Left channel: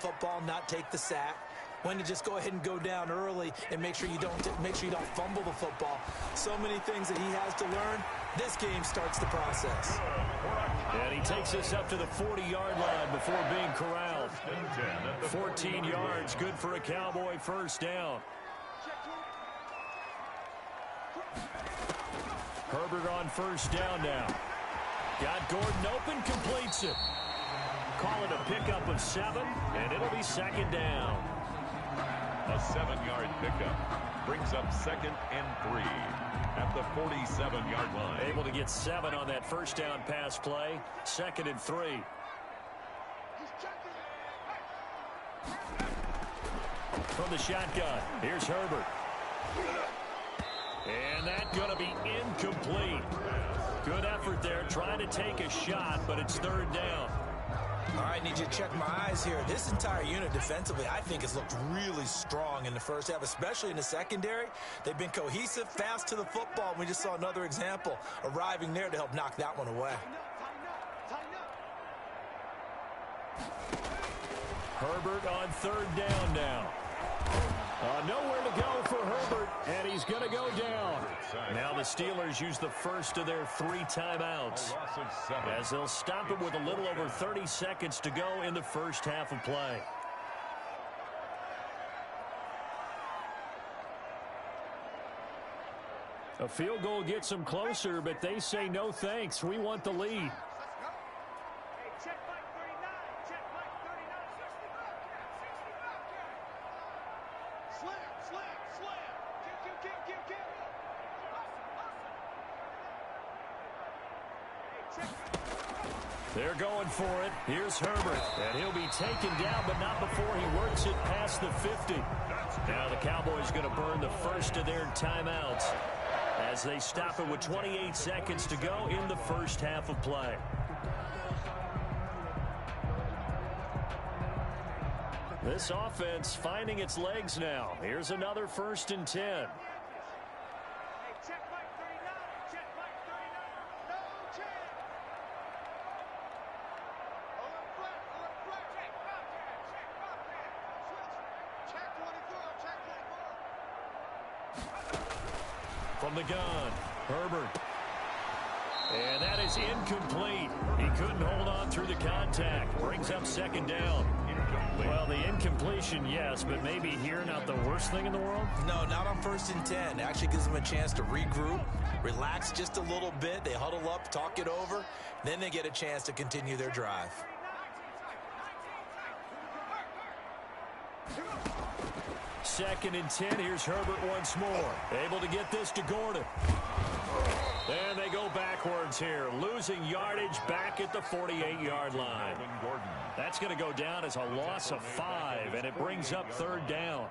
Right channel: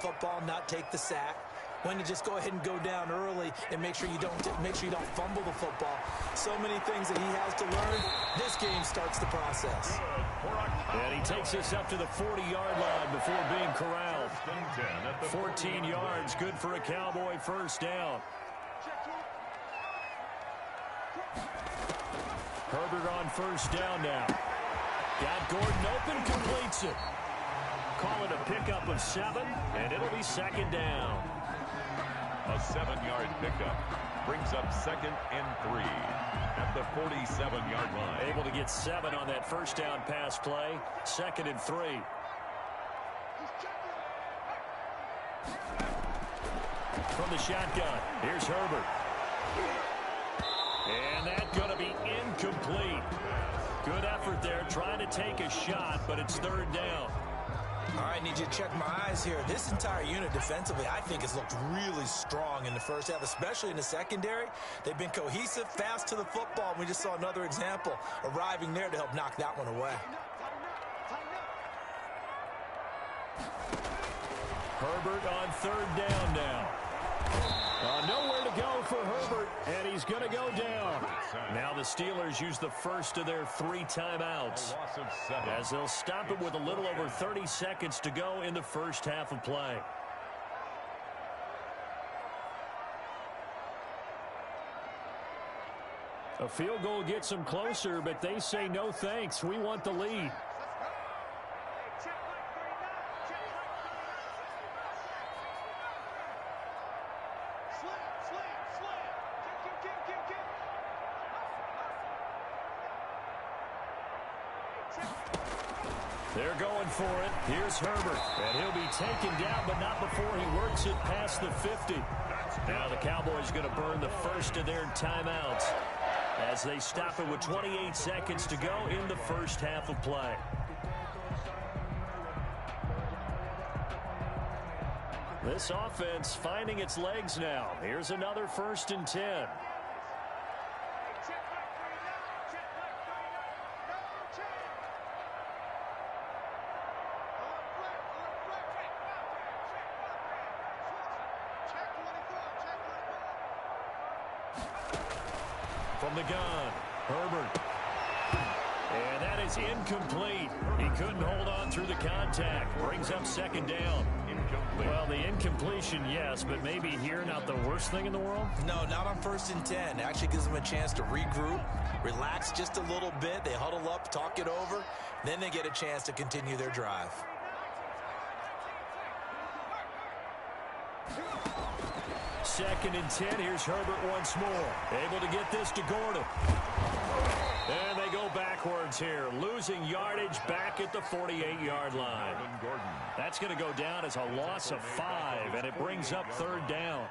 football, not take the sack, when to just go ahead and go down early and make sure you don't fumble the football. So many things that he has to learn. This game starts the process. And he takes us up to the 40-yard line before being corralled. 14 yards, good for a Cowboy first down. Herbert on first down now. Got Gordon open, completes it. Call it a pickup of 7, and it'll be second down. A 7-yard pickup brings up 2nd and 3 at the 47-yard line. Able to get 7 on that first down pass play. 2nd and 3. From the shotgun, here's Herbert. And that's going to be incomplete. Good effort there, trying to take a shot, but it's third down. All right, need you to check my eyes here. This entire unit defensively, I think, has looked really strong in the first half, especially in the secondary. They've been cohesive, fast to the football. We just saw another example arriving there to help knock that one away. Herbert on third down now. Nowhere to go for Herbert, and he's going to go down. Now the Steelers use the first of their 3 timeouts, as they'll stop it with a little over 30 seconds to go in the first half of play. A field goal gets them closer, but they say no thanks. We want the lead. They're going for it. Here's Herbert. And he'll be taken down, but not before he works it past the 50. Now the Cowboys going to burn the first of their timeouts as they stop it with 28 seconds to go in the first half of play. This offense finding its legs now. Here's another 1st and 10. From the gun, Herbert. And that is incomplete. He couldn't hold on through the contact. Brings up second down. Well, the incompletion, yes, but maybe here not the worst thing in the world? No, not on 1st and 10. It actually gives them a chance to regroup, relax just a little bit. They huddle up, talk it over. Then they get a chance to continue their drive. Second and 10. Here's Herbert once more. Able to get this to Gordon. And they go backwards here. Losing yardage back at the 48-yard line. That's going to go down as a loss of 5, and it brings up third down.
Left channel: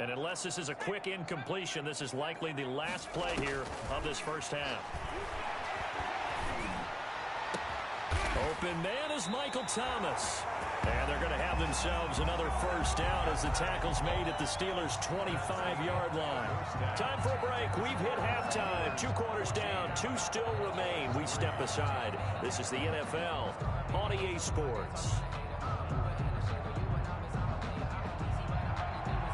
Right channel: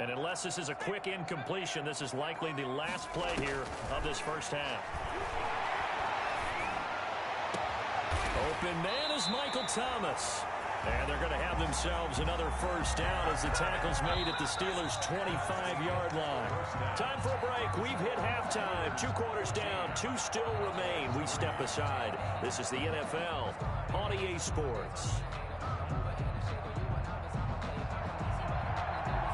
And unless this is a quick incompletion, this is likely the last play here of this first half. Open man is Michael Thomas. And they're going to have themselves another first down as the tackle's made at the Steelers' 25-yard line. Time for a break. We've hit halftime. 2 quarters down. 2 still remain. We step aside. This is the NFL on EA Sports.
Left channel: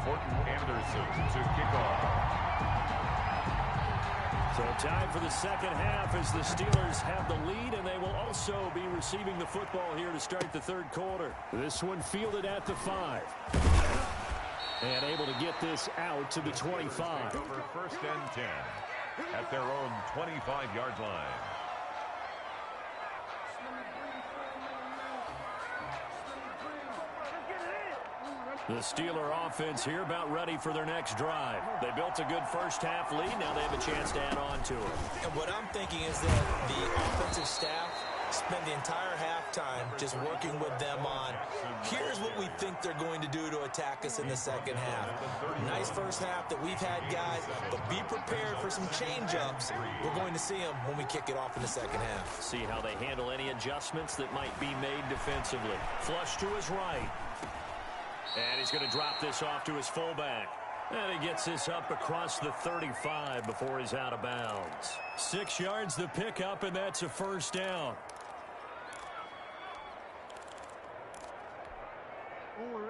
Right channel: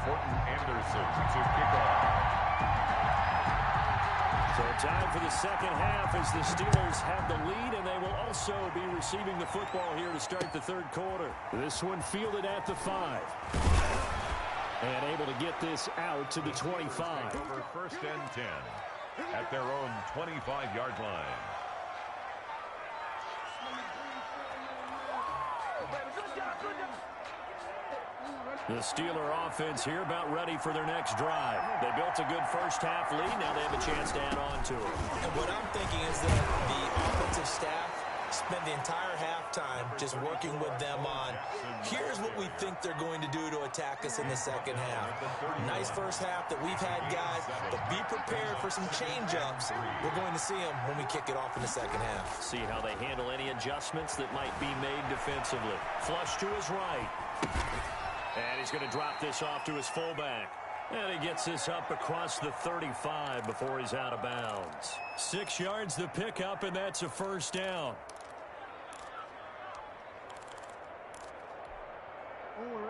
Fortin Anderson to kick off. So time for the second half as the Steelers have the lead, and they will also be receiving the football here to start the third quarter. This one fielded at the 5. And able to get this out to the 25. Over 1st and 10 at their own 25-yard line. The Steeler offense here about ready for their next drive. They built a good first half lead. Now they have a chance to add on to it. And what I'm thinking is that the offensive staff spent the entire halftime just working with them on, here's what we think they're going to do to attack us in the second half. Nice first half that we've had, guys, but be prepared for some change-ups. We're going to see them when we kick it off in the second half. See how they handle any adjustments that might be made defensively. Flush to his right. And he's going to drop this off to his fullback. And he gets this up across the 35 before he's out of bounds. 6 yards the pickup, and that's a first down.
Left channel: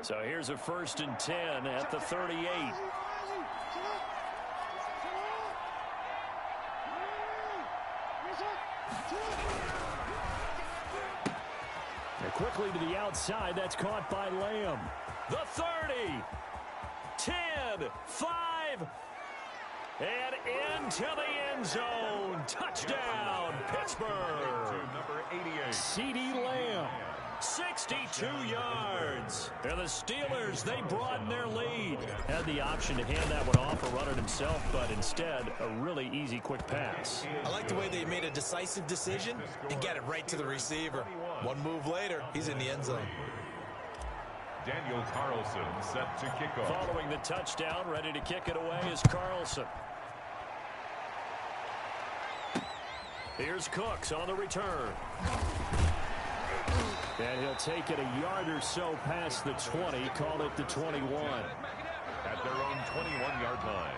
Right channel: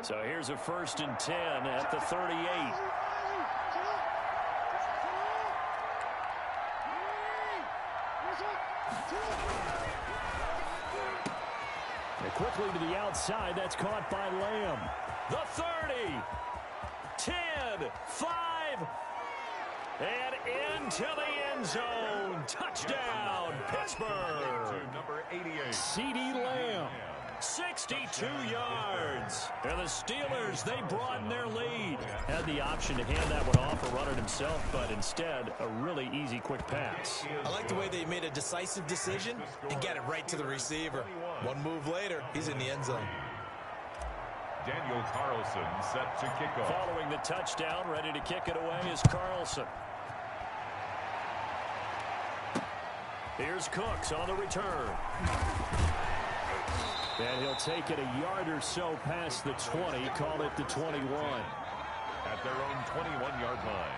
So here's a 1st and 10 at the 38. And quickly to the outside. That's caught by Lamb. The 30. 10. 5. And into the end zone. Touchdown, Pittsburgh. Number 88. CeeDee Lamb. 62 yards. And the Steelers, they broaden their lead. Had the option to hand that one off or run it himself, but instead, a really easy, quick pass. I like the way they made a decisive decision and got it right to the receiver. One move later, he's in the end zone. Daniel Carlson set to kick off. Following the touchdown, ready to kick it away is Carlson. Here's Cooks on the return. And he'll take it a yard or so past the 20, call it the 21. At their own 21-yard line.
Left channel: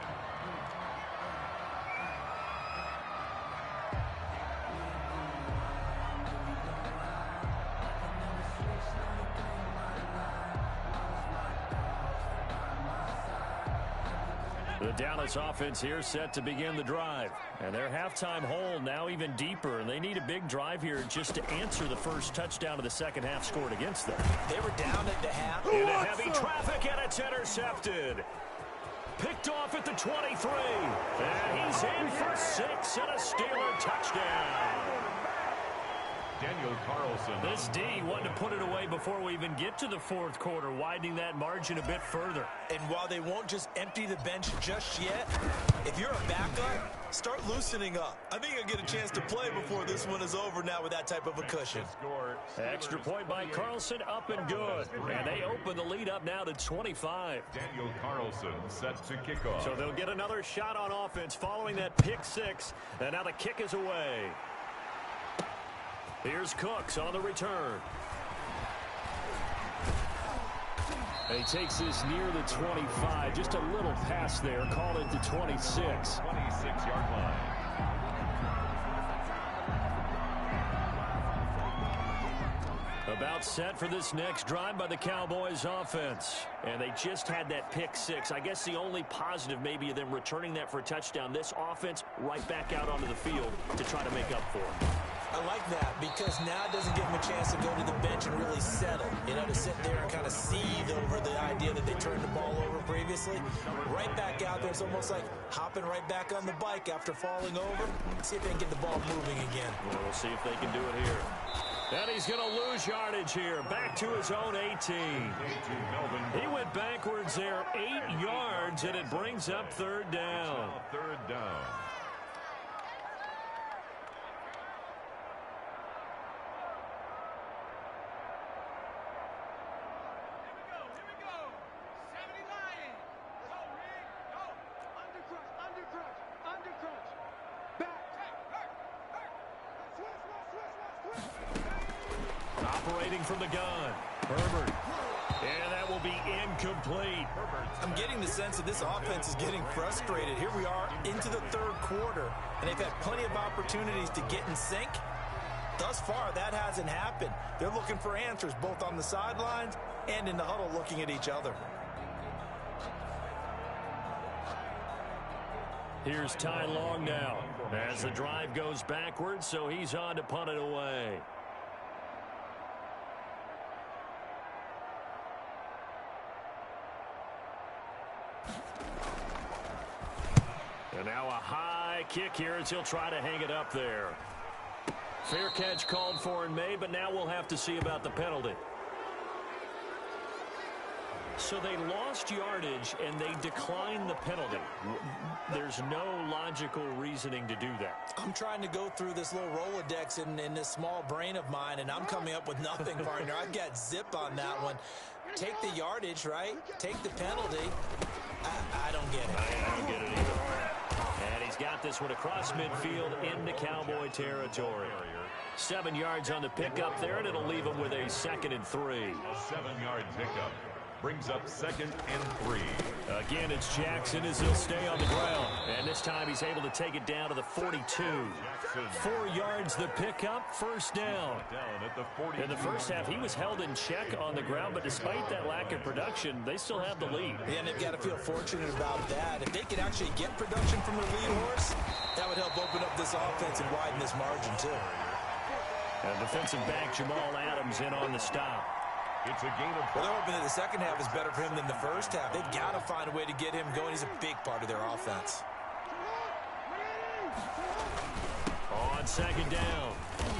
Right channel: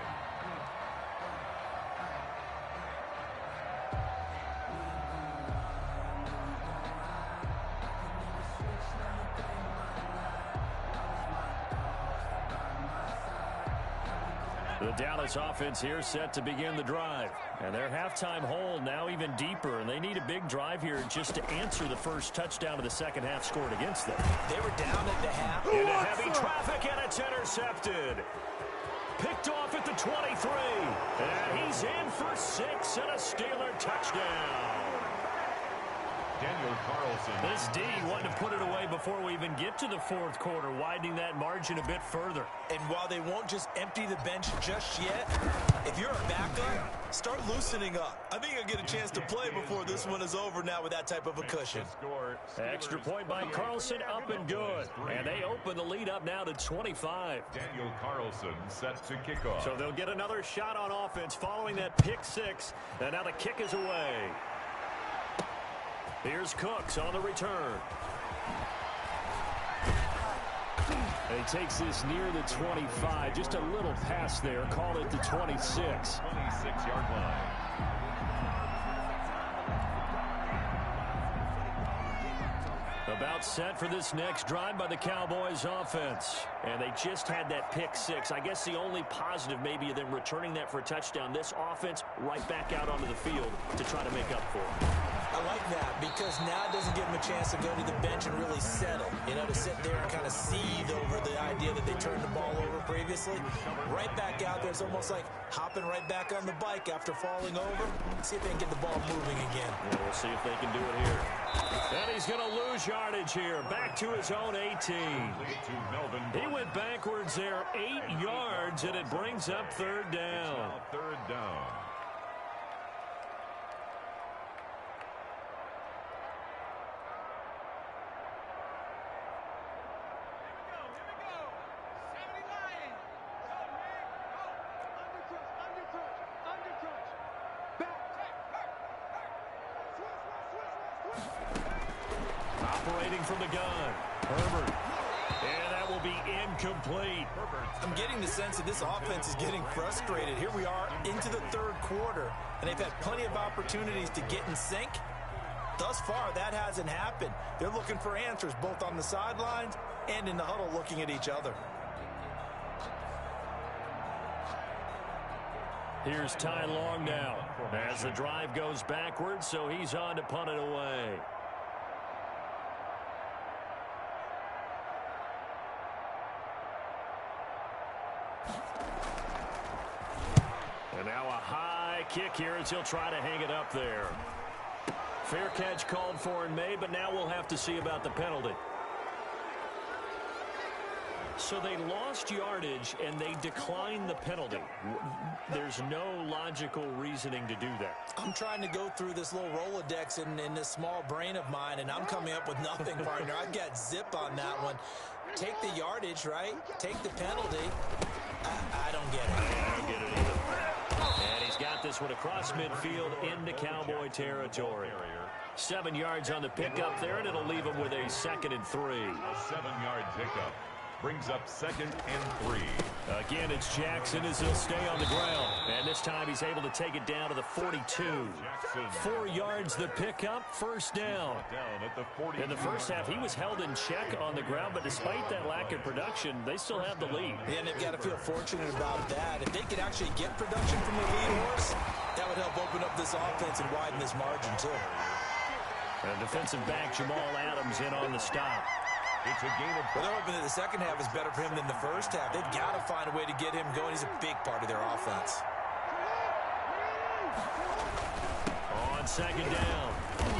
The Dallas offense here set to begin the drive. And their halftime hole now even deeper. And they need a big drive here just to answer the first touchdown of the second half scored against them. They were down at the half. Into heavy traffic, and it's intercepted. Picked off at the 23. And he's in for 6 and a Steeler touchdown. Daniel Carlson. This D wanted to put it away before we even get to the fourth quarter, widening that margin a bit further. And while they won't just empty the bench just yet, if you're a backup, start loosening up. I think you'll get a chance to play before this one is over now with that type of a cushion. Extra point by Carlson, up and good. And they open the lead up now to 25. Daniel Carlson set to kick off. So they'll get another shot on offense following that pick six. And now the kick is away. Here's Cooks on the return. He takes this near the 25. Just a little pass there. Call it the 26. 26-yard line. About set for this next drive by the Cowboys offense. And they just had that pick six. I guess the only positive maybe of them returning that for a touchdown. This offense right back out onto the field to try to make up for it. I like that because now it doesn't give them a chance to go to the bench and really settle. You know, to sit there and kind of seethe over the idea that they turned the ball over previously. Right back out there. It's almost like hopping right back on the bike after falling over. See if they can get the ball moving again. Yeah, we'll see if they can do it here. And he's going to lose yardage here. Back to his own 18. He went backwards there 8 yards, and it brings up third down. Third down. Operating from the gun, Herbert. And that will be incomplete. I'm getting the sense that this offense is getting frustrated. Here we are into the third quarter, and they've had plenty of opportunities to get in sync. Thus far, that hasn't happened. They're looking for answers both on the sidelines and in the huddle looking at each other. Here's Ty Long now as the drive goes backwards, so he's on to punt it away. And now a high kick here as he'll try to hang it up there. Fair catch called for and made, but now we'll have to see about the penalty. So they lost yardage and they declined the penalty. There's no logical reasoning to do that. I'm trying to go through this little Rolodex in this small brain of mine, and I'm coming up with nothing, partner. I've got zip on that one. Take the yardage, right? Take the penalty. I don't get it. I don't get it either. And he's got this one across midfield into Cowboy territory. 7 yards on the pickup there, and it'll leave him with a 2nd and 3. A 7-yard pickup. Brings up 2nd and 3. Again, it's Jackson as he'll stay on the ground. And this time he's able to take it down to the 42. 4 yards the pickup, first down. In the first half, he was held in check on the ground, but despite that lack of production, they still have the lead. Yeah, and they've got to feel fortunate about that. If they could actually get production from the lead horse, that would help open up this offense and widen this margin, too. And defensive back Jamal Adams in on the stop. It's a gain of... Well, they're hoping that the second half is better for him than the first half. They've got to find a way to get him going. He's a big part of their offense. On second down,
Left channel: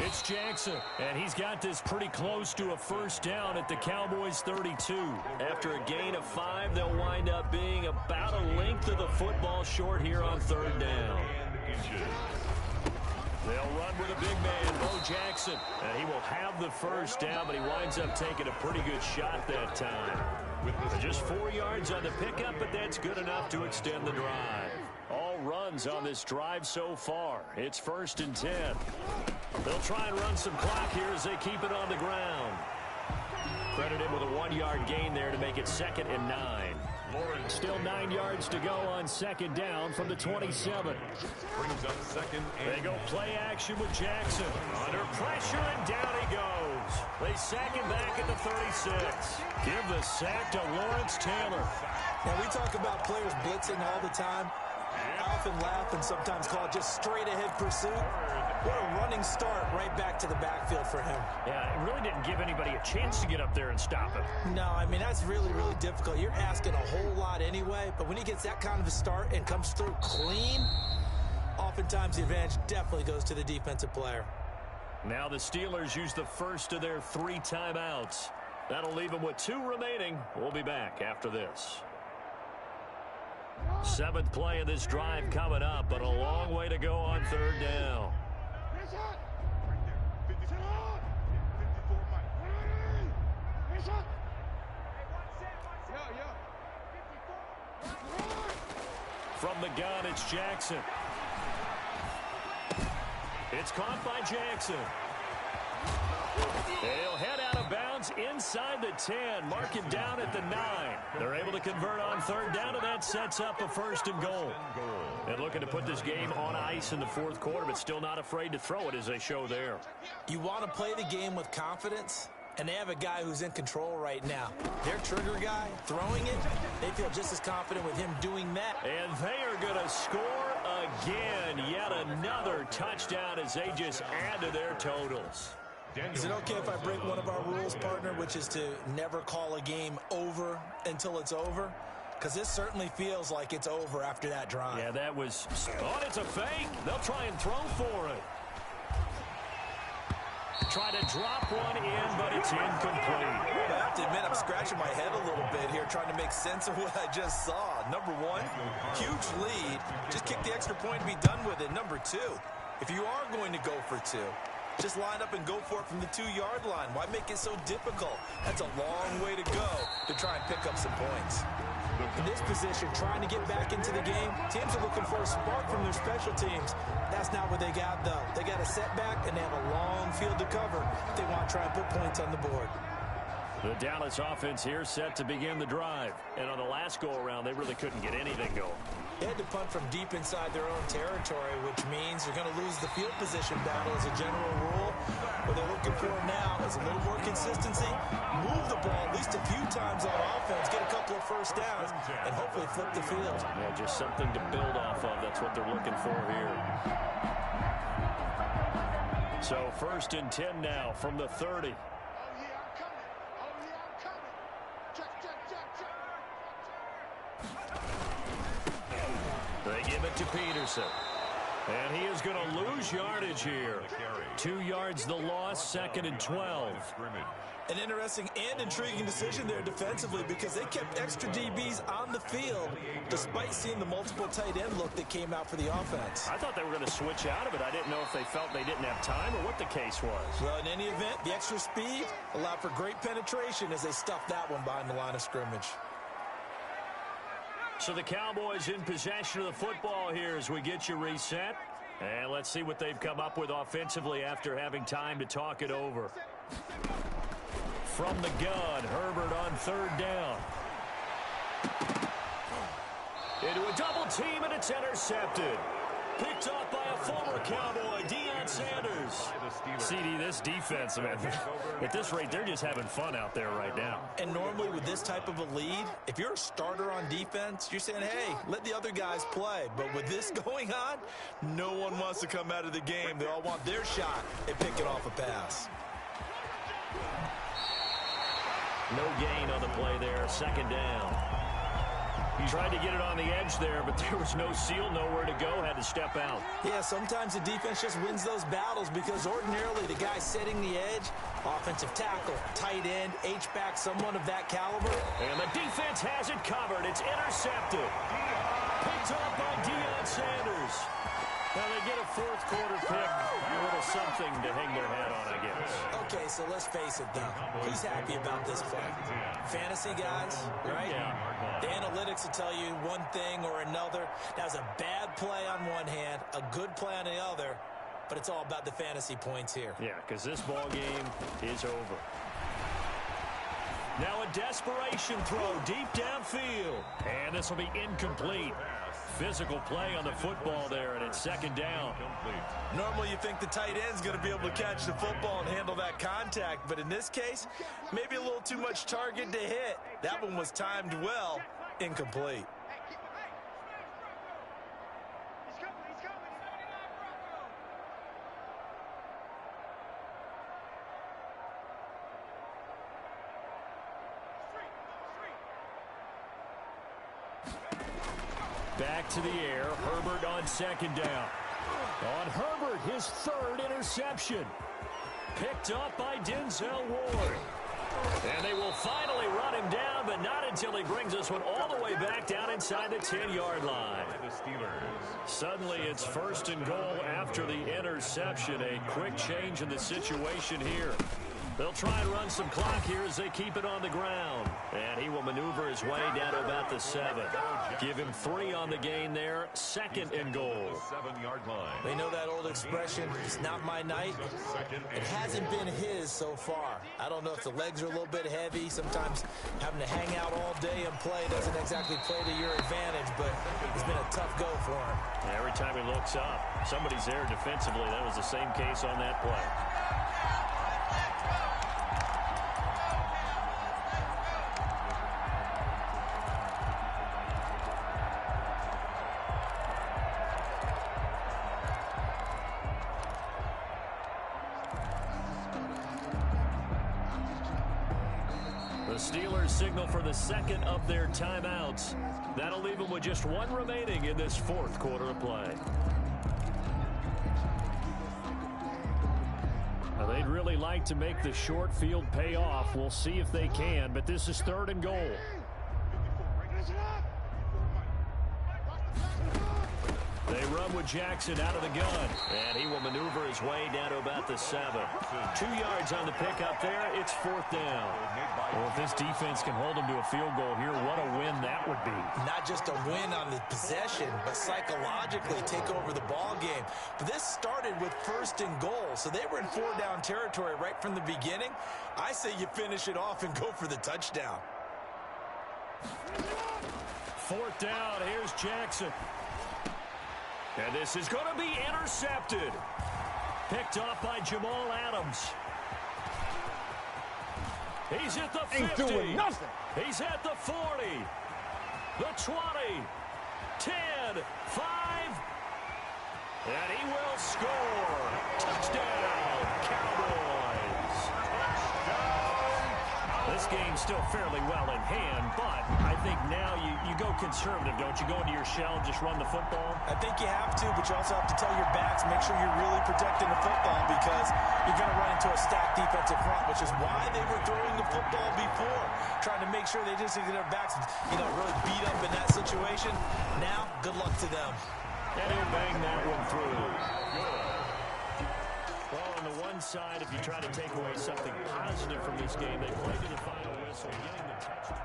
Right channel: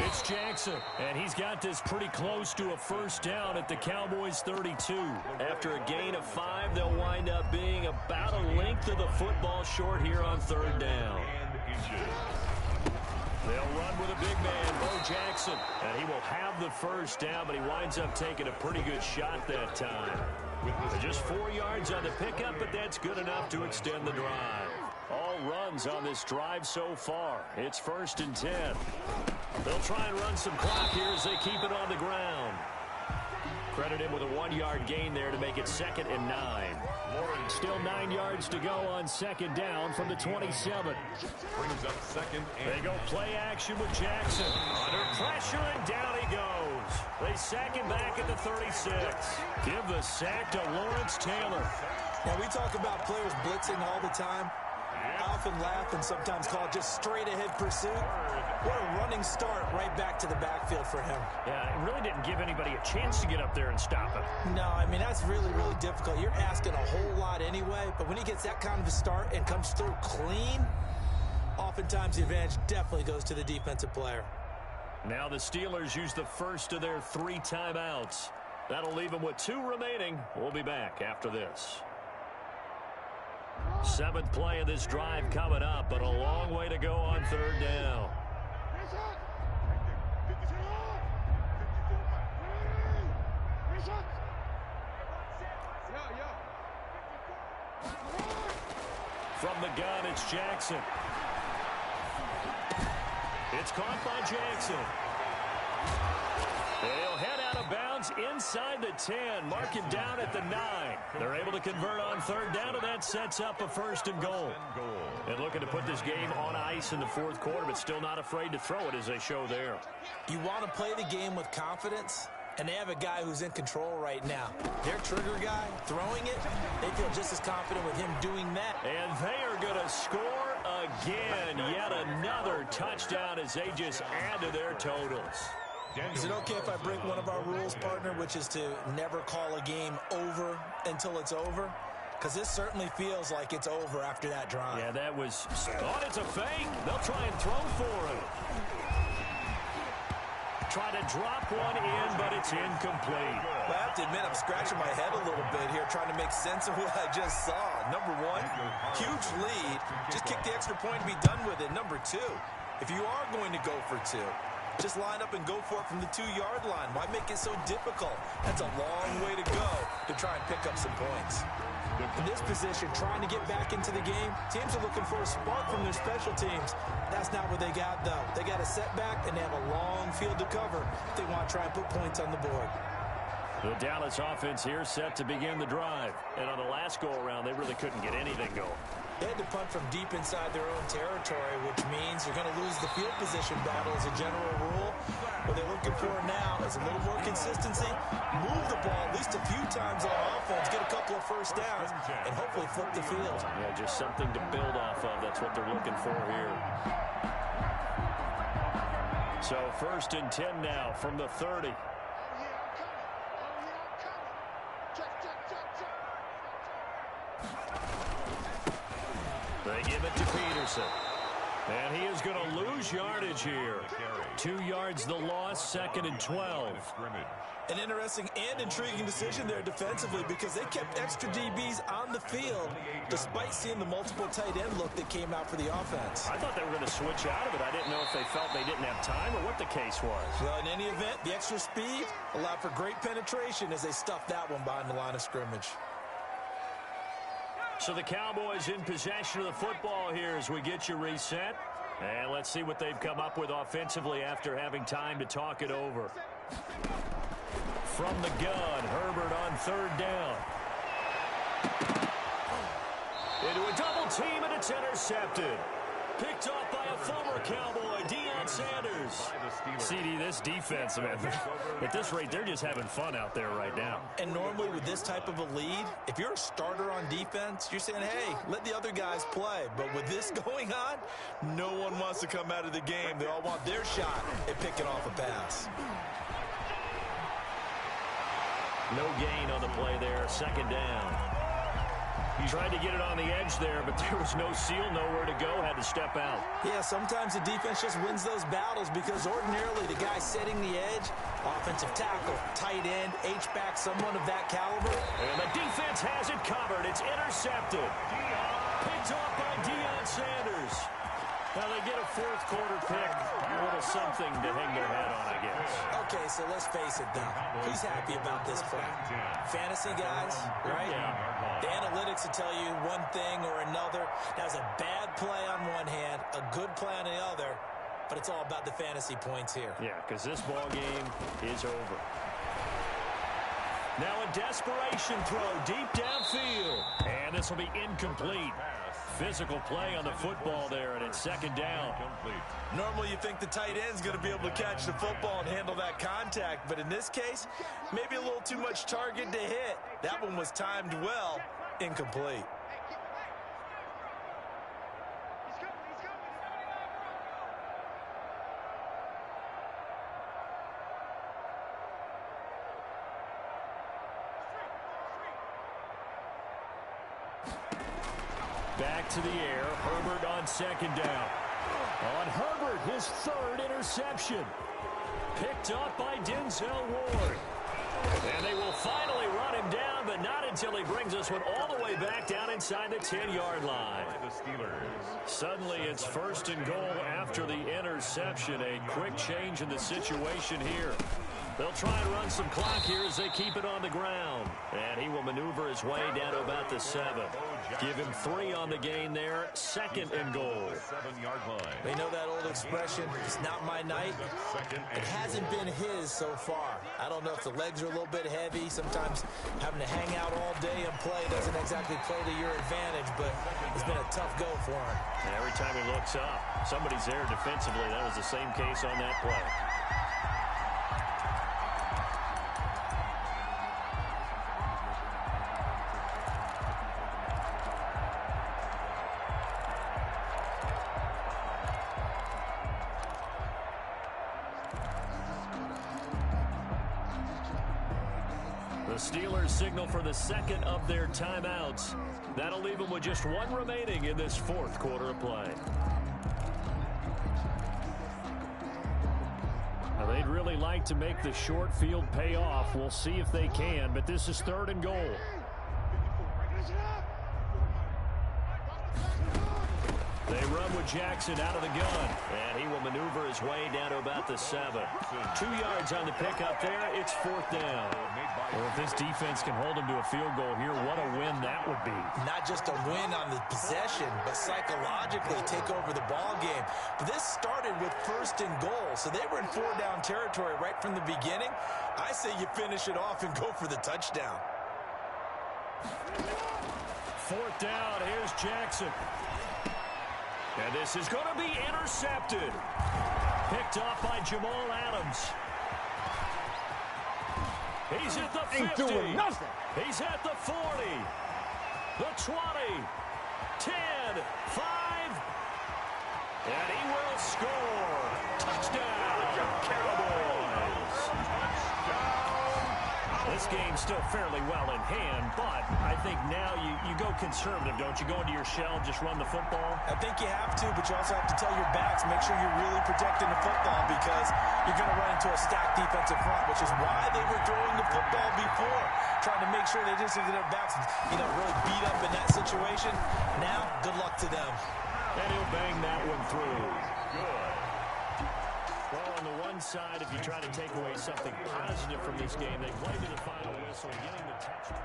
it's Jackson. And he's got this pretty close to a first down at the Cowboys' 32. After a gain of 5, they'll wind up being about a length of the football short here on third down. They'll run with a big man, Bo Jackson, and he will have the first down, but he winds up taking a pretty good shot that time. With just 4 yards on the pickup, but that's good enough to extend the drive. All runs on this drive so far. It's 1st and 10. They'll try and run some clock here as they keep it on the ground. Credit him with a 1-yard gain there to make it 2nd and 9. Still 9 yards to go on second down from the 27. Brings up 2nd and... They go play action with Jackson. Under pressure, and down he goes. They sack him back at the 36. Give the sack to Lawrence Taylor. Now, we talk about players blitzing all the time. I often laugh and sometimes call it just straight-ahead pursuit. What a running start right back to the backfield for him. Yeah, it really didn't give anybody a chance to get up there and stop him. No, I mean, that's really, really difficult. You're asking a whole lot anyway, but when he gets that kind of a start and comes through clean, oftentimes the advantage definitely goes to the defensive player. Now the Steelers use the first of their 3 timeouts. That'll leave them with 2 remaining. We'll be back after this. 7th play of this drive coming up, but a long way to go on third down. From the gun, it's Jackson. It's caught by Jackson. He'll head out of bounds inside the 10. Mark him down at the 9. They're able to convert on third down, and that sets up a 1st and goal. And looking to put this game on ice in the 4th quarter, but still not afraid to throw it as they show there. You want to play the game with confidence, and they have a guy who's in control right now. Their trigger guy throwing it, they feel just as confident with him doing that. And they are going to score again. Yet another touchdown as they just add to their totals. Is it okay if I break one of our rules, partner, which is to never call a game over until it's over? Because this certainly feels like it's over after that drive. Yeah, that was... Oh, it's a fake. They'll try and throw for it. Try to drop one in, but it's incomplete. I have to admit, I'm scratching my head a little bit here, trying to make sense of what I just saw. Number 1, huge lead. Just kick the extra point and be done with it. Number 2, if you are going to go for 2, just line up and go for it from the 2-yard line. Why make it so difficult? That's a long way to go to try and pick up some points. In this position, trying to get back into the game, teams are looking for a spark from their special teams. That's not what they got, though. They got a setback, and they have a long field to cover if they want to try and put points on the board. The Dallas offense here set to begin the drive. And on the last go-around, they really couldn't get anything going. They had to punt from deep inside their own territory, which means you're going to lose the field position battle as a general rule. What they're looking for now is a little more consistency, move the ball at least a few times on offense, get a couple of first downs, and hopefully flip the field. Yeah, just something to build off of. That's what they're looking for here. So 1st and 10 now from the 30. They give it to Peterson. And he is going to lose yardage here. 2 yards the loss, 2nd and 12. An interesting and intriguing decision there defensively because they kept extra DBs on the field despite seeing the multiple tight end look that came out for the offense. I thought they were going to switch out of it. I didn't know if they felt they didn't have time or what the case was. Well, in any event, the extra speed allowed for great penetration as they stuffed that one behind the line of scrimmage. So the Cowboys in possession of the football here as we get you reset. And let's see what they've come up with offensively after having time to talk it over. from the gun. Herbert on third down. Into a double team, and it's intercepted. Picked off by a former Cowboy, Deion Sanders. CD, this defense, man, at this rate, they're just having fun out there right now. And normally with this type of a lead, if you're a starter on defense, you're saying, hey, let the other guys play. But with this going on, no one wants to come out of the game. They all want their shot at picking off a pass. No gain on the play there, second down. He tried to get it on the edge there, but there was no seal, nowhere to go, had to step out. Yeah, sometimes the defense just wins those battles because ordinarily the guy setting the edge, offensive tackle, tight end, H-back, someone of that caliber. And the defense has it covered. It's intercepted. Picked off by Deion Sanders. Now they get a fourth quarter pick, a little something to hang their hat on, I guess. Okay, so let's face it, though. Who's happy about this play? Fantasy guys, right? Yeah. The analytics will tell you one thing or another. That was a bad play on one hand, a good play on the other, but it's all about the fantasy points here. Yeah, because this ball game is over. Now a desperation throw deep downfield. And this will be incomplete. Physical play on the football there, and it's second down. Normally you think the tight end's going to be able to catch the football and handle that contact, but in this case, maybe a little too much target to hit. That one was timed well, incomplete. Back to the air. Herbert on second down. On Herbert, his third interception. Picked up by Denzel Ward. And they will finally run him down, but not until he brings this one all the way back down inside the 10-yard line. Suddenly it's first and goal after the interception. A quick change in the situation here. They'll try and run some clock here as they keep it on the ground. And he will maneuver his way down to about the 7. Give him 3 on the gain there. Second and goal. They know that old expression, it's not my night. It hasn't been his so far. I don't know if the legs are a little bit heavy. Sometimes having to hang out all day and play doesn't exactly play to your advantage, but it's been a tough go for him. And every time he looks up, somebody's there defensively. That was the same case on that play. The Steelers signal for the second of their timeouts. That'll leave them with just 1 remaining in this fourth quarter of play. Now, they'd really like to make the short field pay off. We'll see if they can, but this is third and goal. They run with Jackson out of the gun, and he will maneuver his way down to about the 7. 2 yards on the pickup there. It's fourth down. Well, if this defense can hold them to a field goal here, what a win that would be. Not just a win on the possession, but psychologically take over the ball game. But this started with first and goal, so they were in 4-down territory right from the beginning. I say you finish it off and go for the touchdown. Fourth down, here's Jackson. And this is going to be intercepted. Picked off by Jamal Adams. He's at the 50. Ain't doing nothing. He's at the 40. The 20. 10. 5. And he will score. Touchdown, Cowboys. Touchdown. This game's still fairly well in hand, but I think now you go conservative, don't you? Go into your shell and just run the football? I think you have to, but you also have to tell your backs, make sure you're really protecting the football because you're going to run into a stacked defensive front, which is why they were throwing the football before, trying to make sure they just get their backs, really beat up in that situation. Now, good luck to them. And he'll bang that one through. Good. Well, on the one side, if you try to take away something positive from this game, they played to the final whistle, getting the touchdown.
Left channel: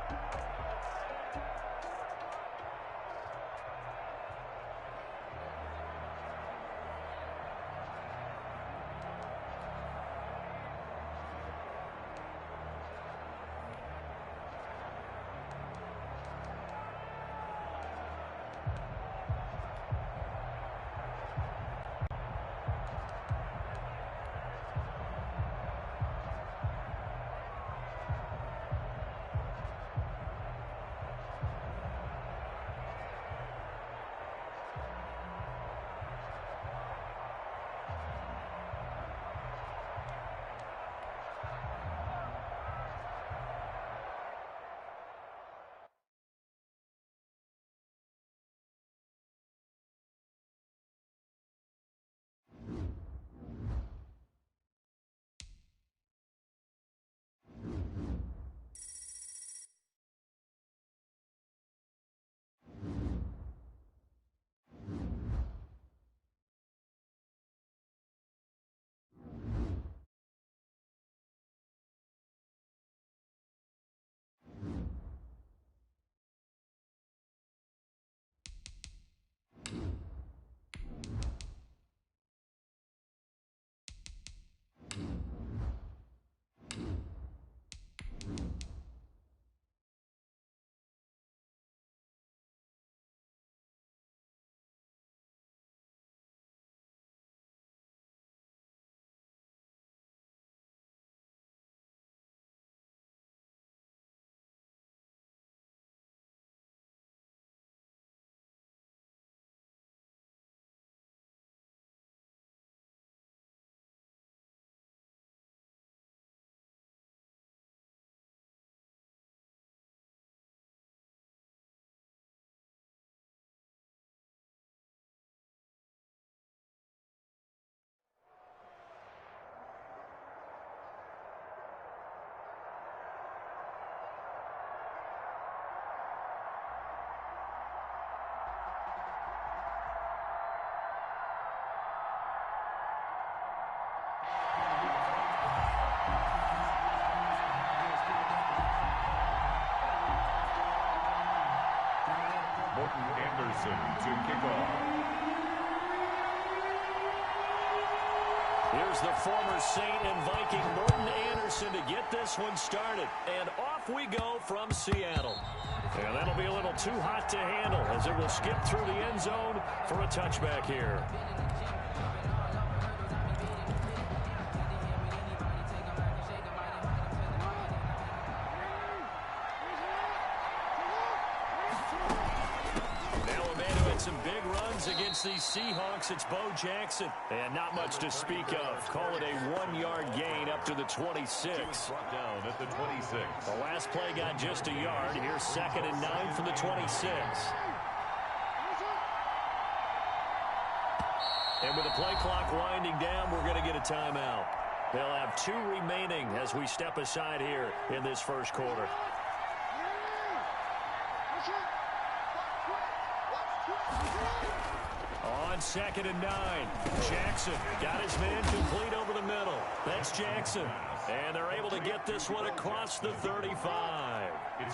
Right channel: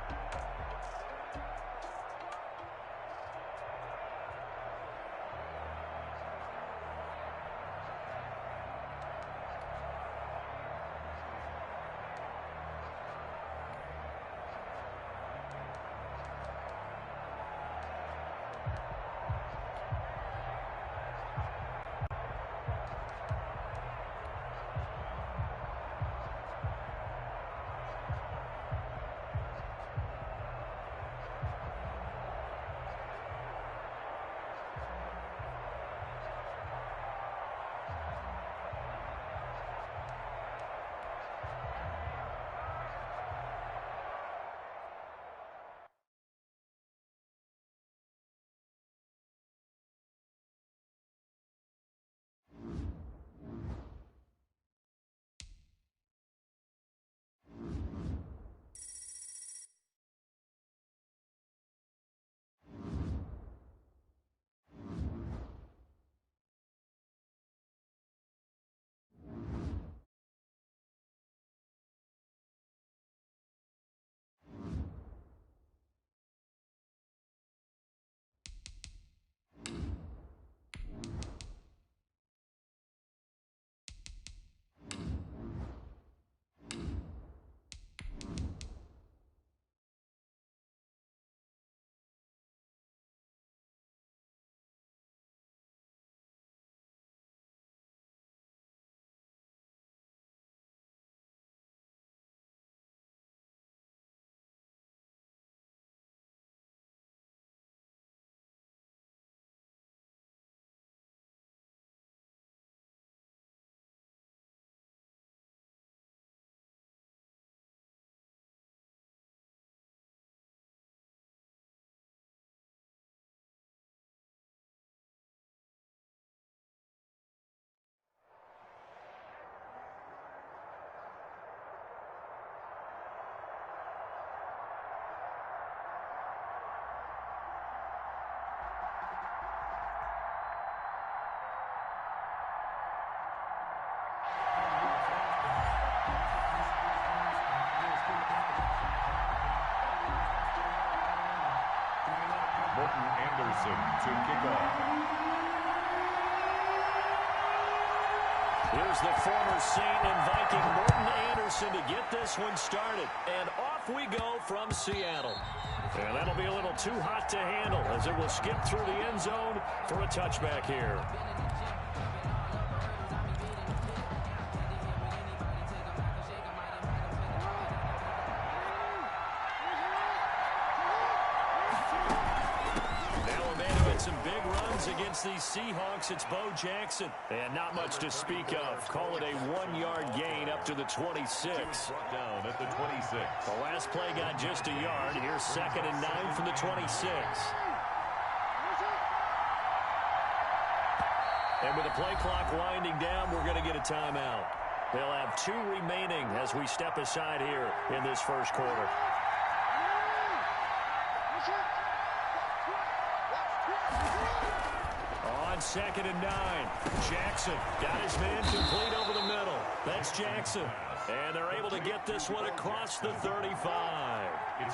Morton Anderson to kick off. Here's the former Saint and Viking Morton Anderson to get this one started. And off we go from Seattle. And that'll be a little too hot to handle as it will skip through the end zone for a touchback here. Some big runs against these Seahawks. It's Bo Jackson. And not much to speak of. Call it a 1-yard gain up to the 26. Brought down at the 26. The last play got just a yard. Here's 2nd and 9 from the 26. And with the play clock winding down, we're going to get a timeout. They'll have 2 remaining as we step aside here in this first quarter. On 2nd and 9, Jackson got his man complete over the middle. That's Jackson. And they're able to get this one across the 35.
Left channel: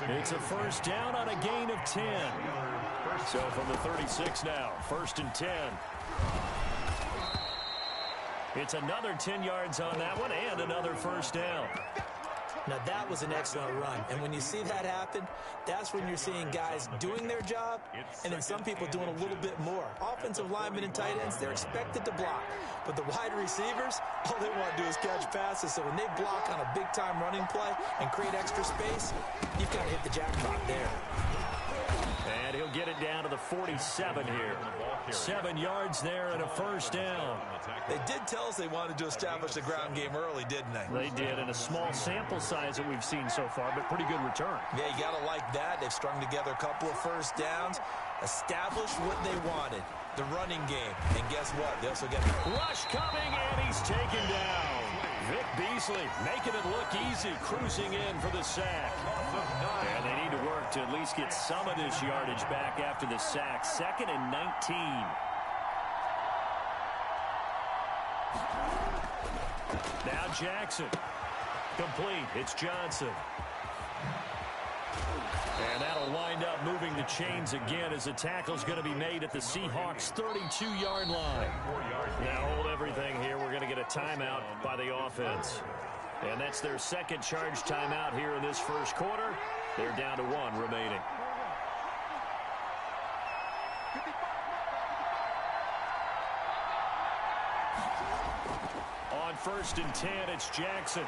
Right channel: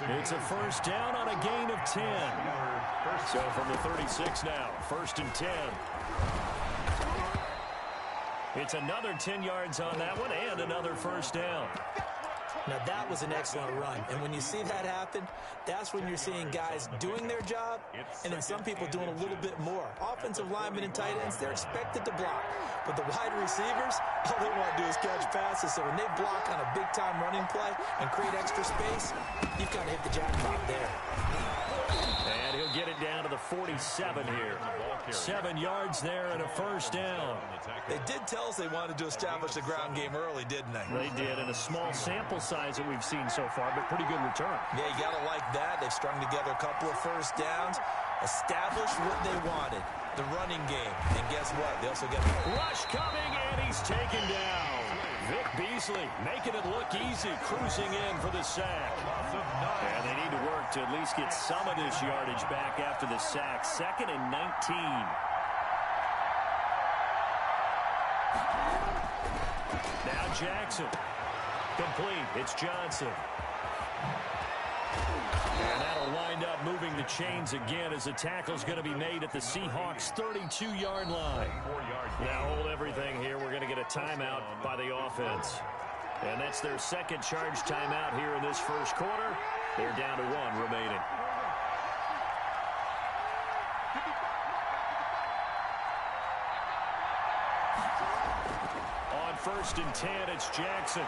It's a first down on a gain of 10. So from the 36 now, 1st and 10. It's another 10 yards on that one and another first down. Now, that was an excellent run. And when you see that happen, that's when you're seeing guys doing their job and then some people doing a little bit more. Offensive linemen and tight ends, they're expected to block. But the wide receivers, all they want to do is catch passes. So when they block on a big-time running play and create extra space, you've got to hit the jackpot there. And he'll get it down to the 47 here. 7 yards there and a first down. They did tell us they wanted to establish the ground game early, didn't they? They did, in a small sample size that we've seen so far, but pretty good return. Yeah, you got to like that. They've strung together a couple of first downs, established what they wanted, the running game. And guess what? They also get rush coming, and he's taken down. Vic Beasley making it look easy, cruising in for the sack. And they need to work to at least get some of this yardage back after the sack. 2nd and 19. Now Jackson. Complete. It's Johnson. And that'll wind up moving the chains again as the tackle's going to be made at the Seahawks' 32-yard line. Now hold everything here. We're going to get a timeout by the offense. And that's their second charge timeout here in this first quarter. They're down to 1 remaining. On 1st and 10, it's Jackson.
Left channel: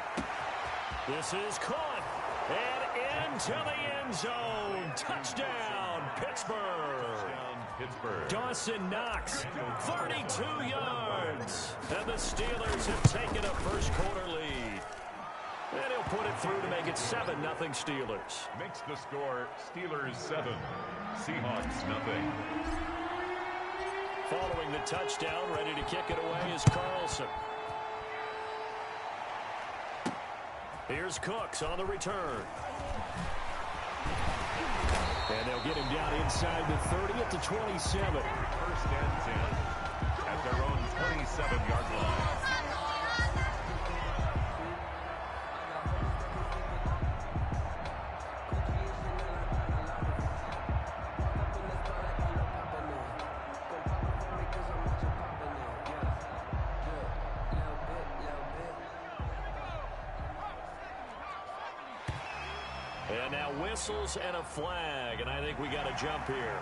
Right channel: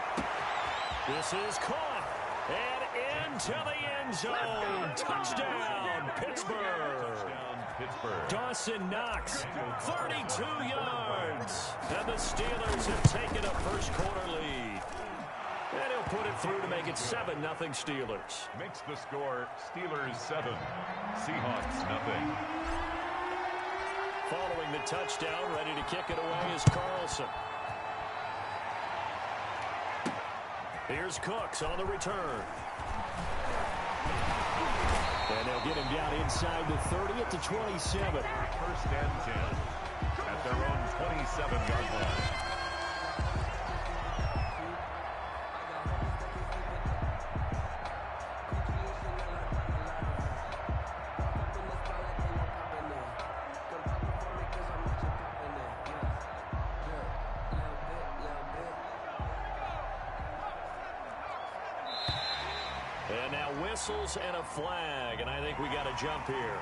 This is caught. And into the end zone. Touchdown, Pittsburgh. Dawson Knox, 32 yards. And the Steelers have taken a first quarter lead. And he'll put it through to make it 7-0 Steelers. Makes the score Steelers 7, Seahawks 0. Following the touchdown, ready to kick it away is Carlson. Here's Cooks on the return. And they'll get him down inside the 30 at the 27. 1st and 10 at their own 27-yard line. And now whistles and a flag, and I think we got a jump here.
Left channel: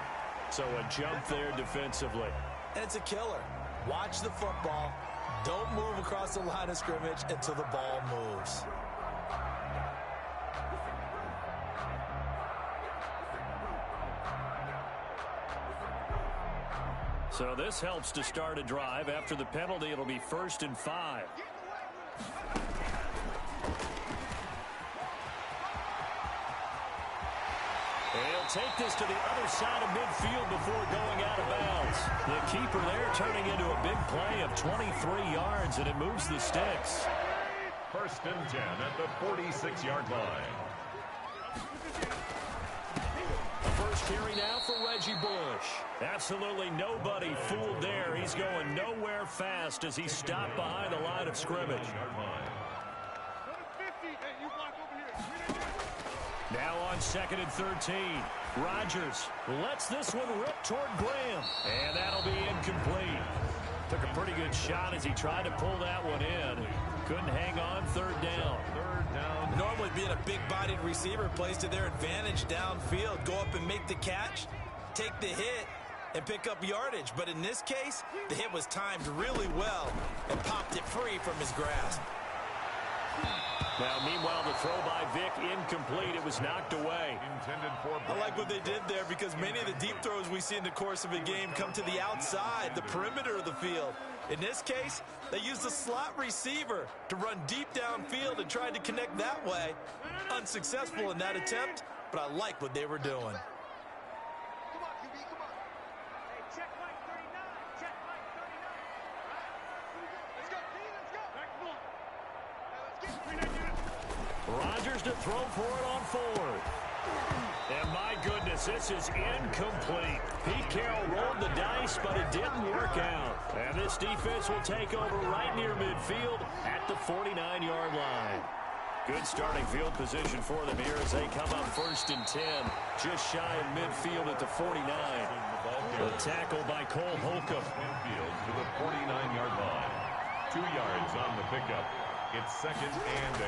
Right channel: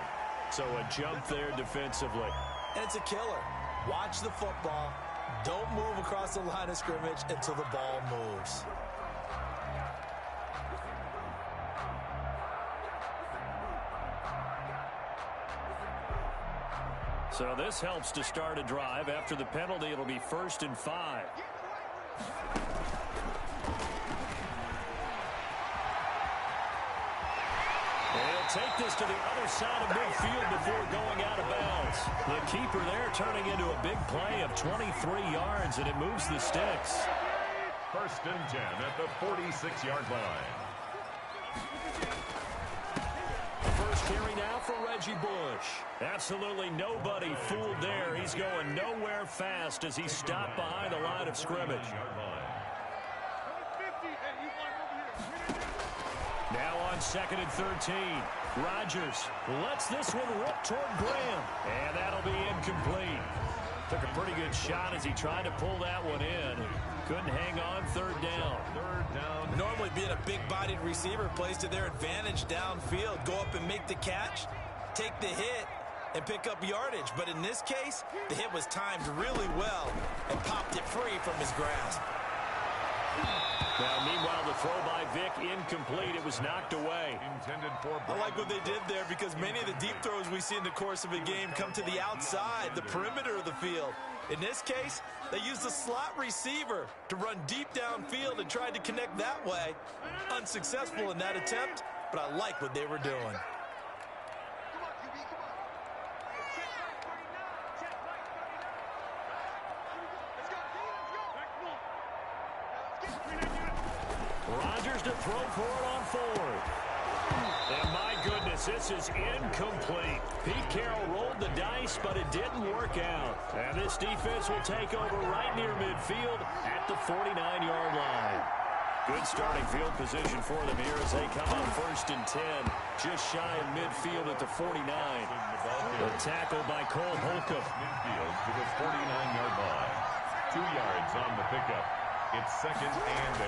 So a jump there defensively. And it's a killer. Watch the football. Don't move across the line of scrimmage until the ball moves. So this helps to start a drive. After the penalty, it'll be 1st and 5. And he'll take this to the other side of midfield before going out of bounds. The keeper there turning into a big play of 23 yards, and it moves the sticks. 1st and 10 at the 46-yard line. First carry now for Reggie Bush. Absolutely nobody fooled there. He's going nowhere fast as he stopped behind the line of scrimmage. Now on 2nd and 13. Rodgers lets this one rip toward Graham. And that'll be incomplete. Took a pretty good shot as he tried to pull that one in. Couldn't hang on. 3rd down. Normally being a big-bodied receiver plays to their advantage downfield. Go up and make the catch, take the hit, and pick up yardage. But in this case, the hit was timed really well and popped it free from his grasp. Now, meanwhile, the throw by Vick incomplete. It was knocked away. I like what they did there because many of the deep throws we see in the course of a game come to the outside, the perimeter of the field. In this case, they used a slot receiver to run deep downfield and tried to connect that way. Unsuccessful in that attempt, but I like what they were doing. Come on, QB, come on. Hey, check right 39. Check right 39. Right? Let's go, D, let's go. Back one. Hey, let's get Rodgers to throw for it on 4th. And my goodness, this is incomplete. Pete Carroll rolled the dice, but it didn't work out. And this defense will take over right near midfield at the 49-yard line. Good starting field position for them here as they come up 1st and 10. Just shy of midfield at the 49. The tackle by Cole Holcomb. Midfield to the 49-yard line. 2 yards on the pickup. It's 2nd and 8.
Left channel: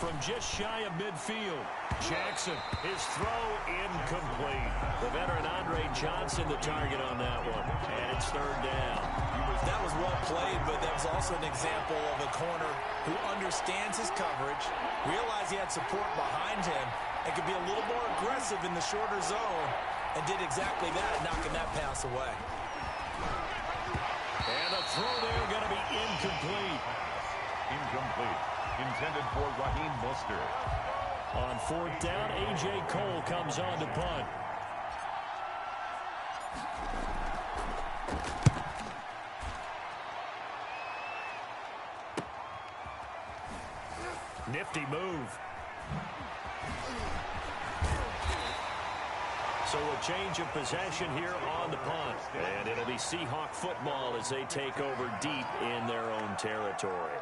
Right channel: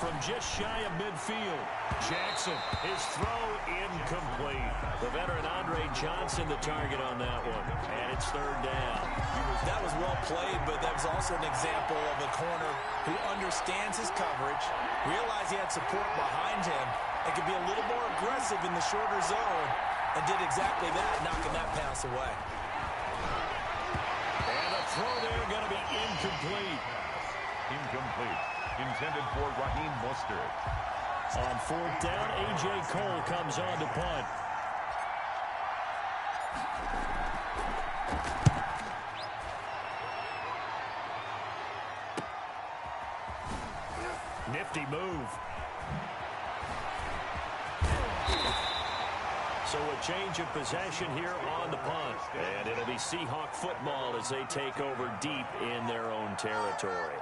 From just shy of midfield, Jackson, his throw incomplete. The veteran Andre Johnson the target on that one. And it's 3rd down. That was well played, but that was also an example of a corner who understands his coverage, realized he had support behind him, and could be a little more aggressive in the shorter zone, and did exactly that, knocking that pass away. And the throw there going to be incomplete. Incomplete. Intended for Raheem Mostert. On 4th down, A.J. Cole comes on to punt. Nifty move. So a change of possession here on the punt. And it'll be Seahawk football as they take over deep in their own territory.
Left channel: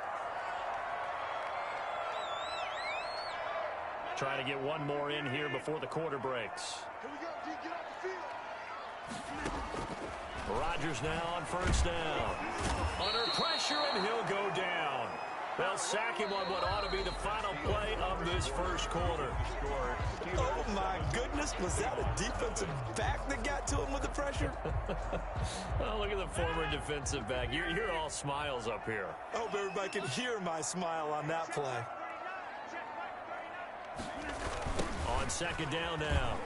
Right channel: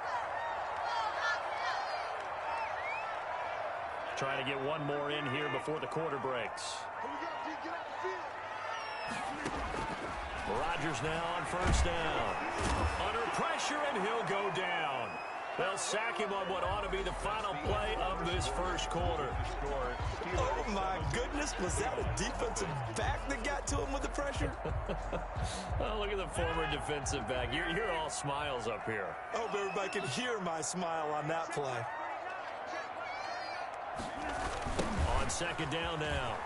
Trying to get one more in here before the quarter breaks. Here we go, D, get off the field. Rodgers now on 1st down. Under pressure, and he'll go down. They'll sack him on what ought to be the final play of this 1st quarter. Oh, my goodness. Was that a defensive back that got to him with the pressure? Oh, look at the former defensive back. You're all smiles up here. I hope everybody can hear my smile on that play. On 2nd down now,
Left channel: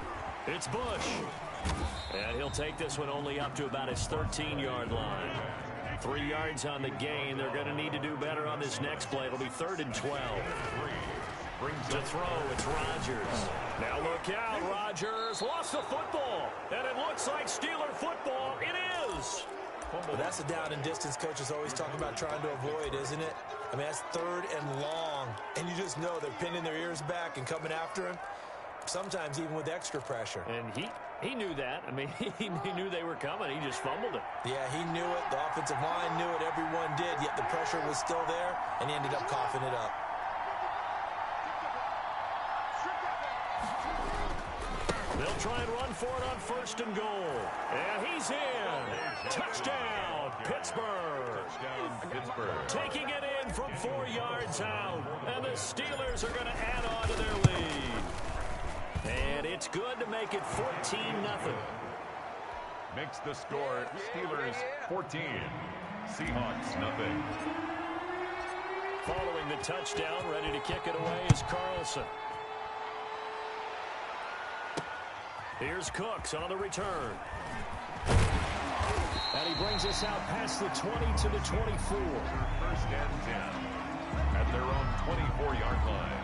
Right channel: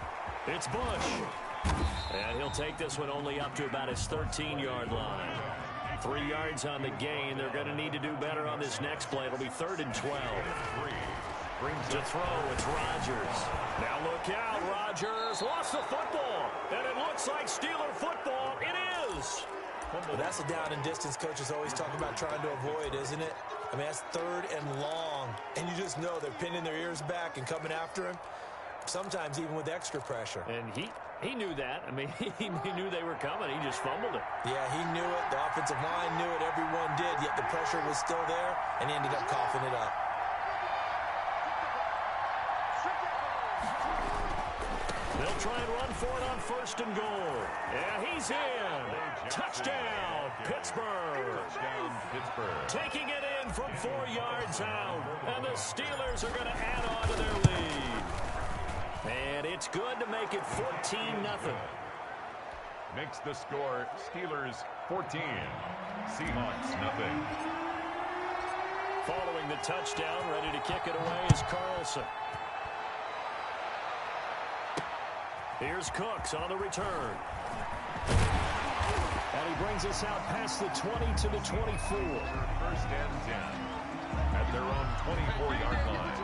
it's Bush. And he'll take this one only up to about his 13-yard line. 3 yards on the gain. They're going to need to do better on this next play. It'll be 3rd and 12. To throw, it's Rodgers. Now look out, Rodgers lost the football. And it looks like Steeler football. It is. Well, that's a down and distance coaches always talk about trying to avoid, isn't it? I mean, that's 3rd and long. And you just know they're pinning their ears back and coming after him. Sometimes even with extra pressure. And he knew that. I mean, he knew they were coming. He just fumbled it. Yeah, he knew it. The offensive line knew it. Everyone did. Yet the pressure was still there, and he ended up coughing it up. They'll try and run for it on 1st and goal. And he's in. Touchdown, Pittsburgh. Taking it in from 4 yards out. And the Steelers are going to add on to their lead. And it's good to make it 14-0. Makes the score Steelers 14. Seahawks nothing. Following the touchdown, ready to kick it away is Carlson. Here's Cooks on the return. And he brings us out past the 20 to the 24. 1st and 10 at their own 24-yard line.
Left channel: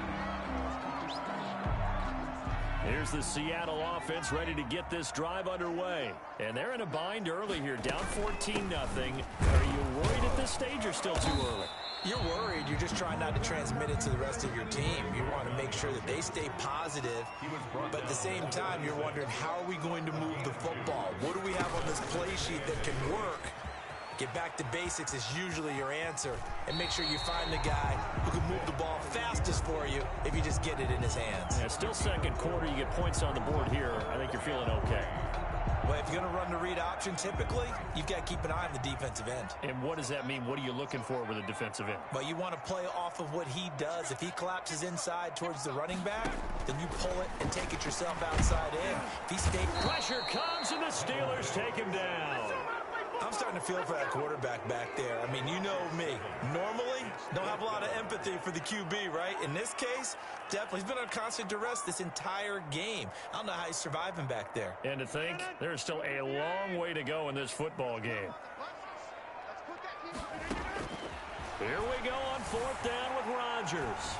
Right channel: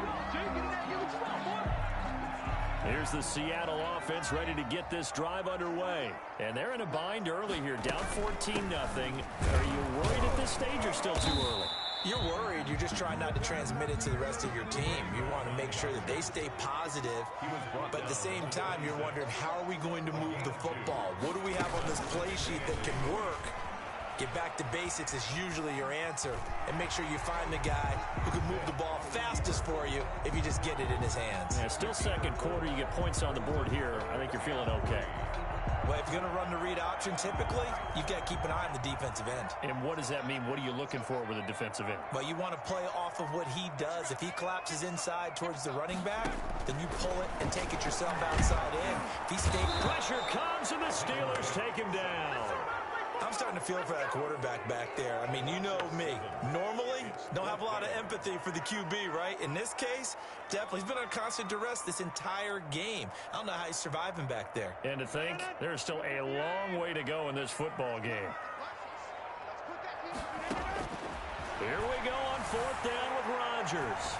Here's the Seattle offense ready to get this drive underway. And they're in a bind early here, down 14-0. Are you worried at this stage or still too early? You're worried. You're just trying not to transmit it to the rest of your team. You want to make sure that they stay positive. But at the same time, you're wondering, how are we going to move the football? What do we have on this play sheet that can work? Get back to basics is usually your answer. And make sure you find the guy who can move the ball fastest for you if you just get it in his hands. Yeah, still second quarter. You get points on the board here. I think you're feeling okay. Well, if you're going to run the read option, typically, you've got to keep an eye on the defensive end. And what does that mean? What are you looking for with a defensive end? Well, you want to play off of what he does. If he collapses inside towards the running back, then you pull it and take it yourself outside in. If he stays... Pressure comes, and the Steelers take him down. I'm starting to feel for that quarterback back there. I mean, you know me. Normally, don't have a lot of empathy for the QB, right? In this case, definitely. He's been on constant duress this entire game. I don't know how he's surviving back there. And to think, there's still a long way to go in this football game. Here we go on fourth down with Rodgers.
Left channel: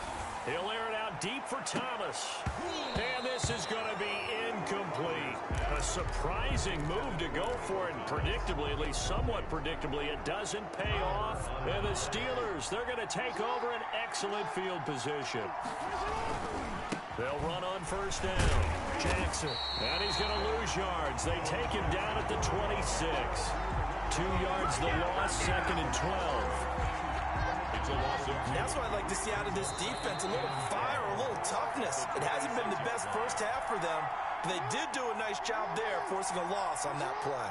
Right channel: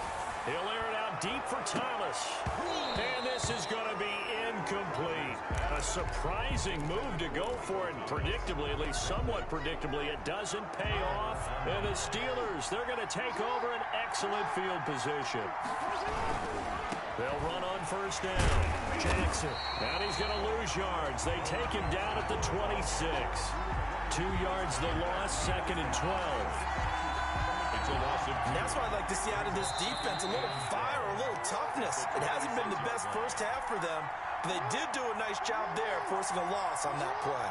He'll air it out deep for Thomas. And this is going to be incomplete. A surprising move to go for it. Predictably, at least somewhat predictably, it doesn't pay off. And the Steelers, they're going to take over an excellent field position. They'll run on first down. Jackson. And he's going to lose yards. They take him down at the 26. 2 yards the loss, 2nd and 12. And that's what I'd like to see out of this defense, a little fire, a little toughness. It hasn't been the best first half for them, but they did do a nice job there, forcing a loss on that play.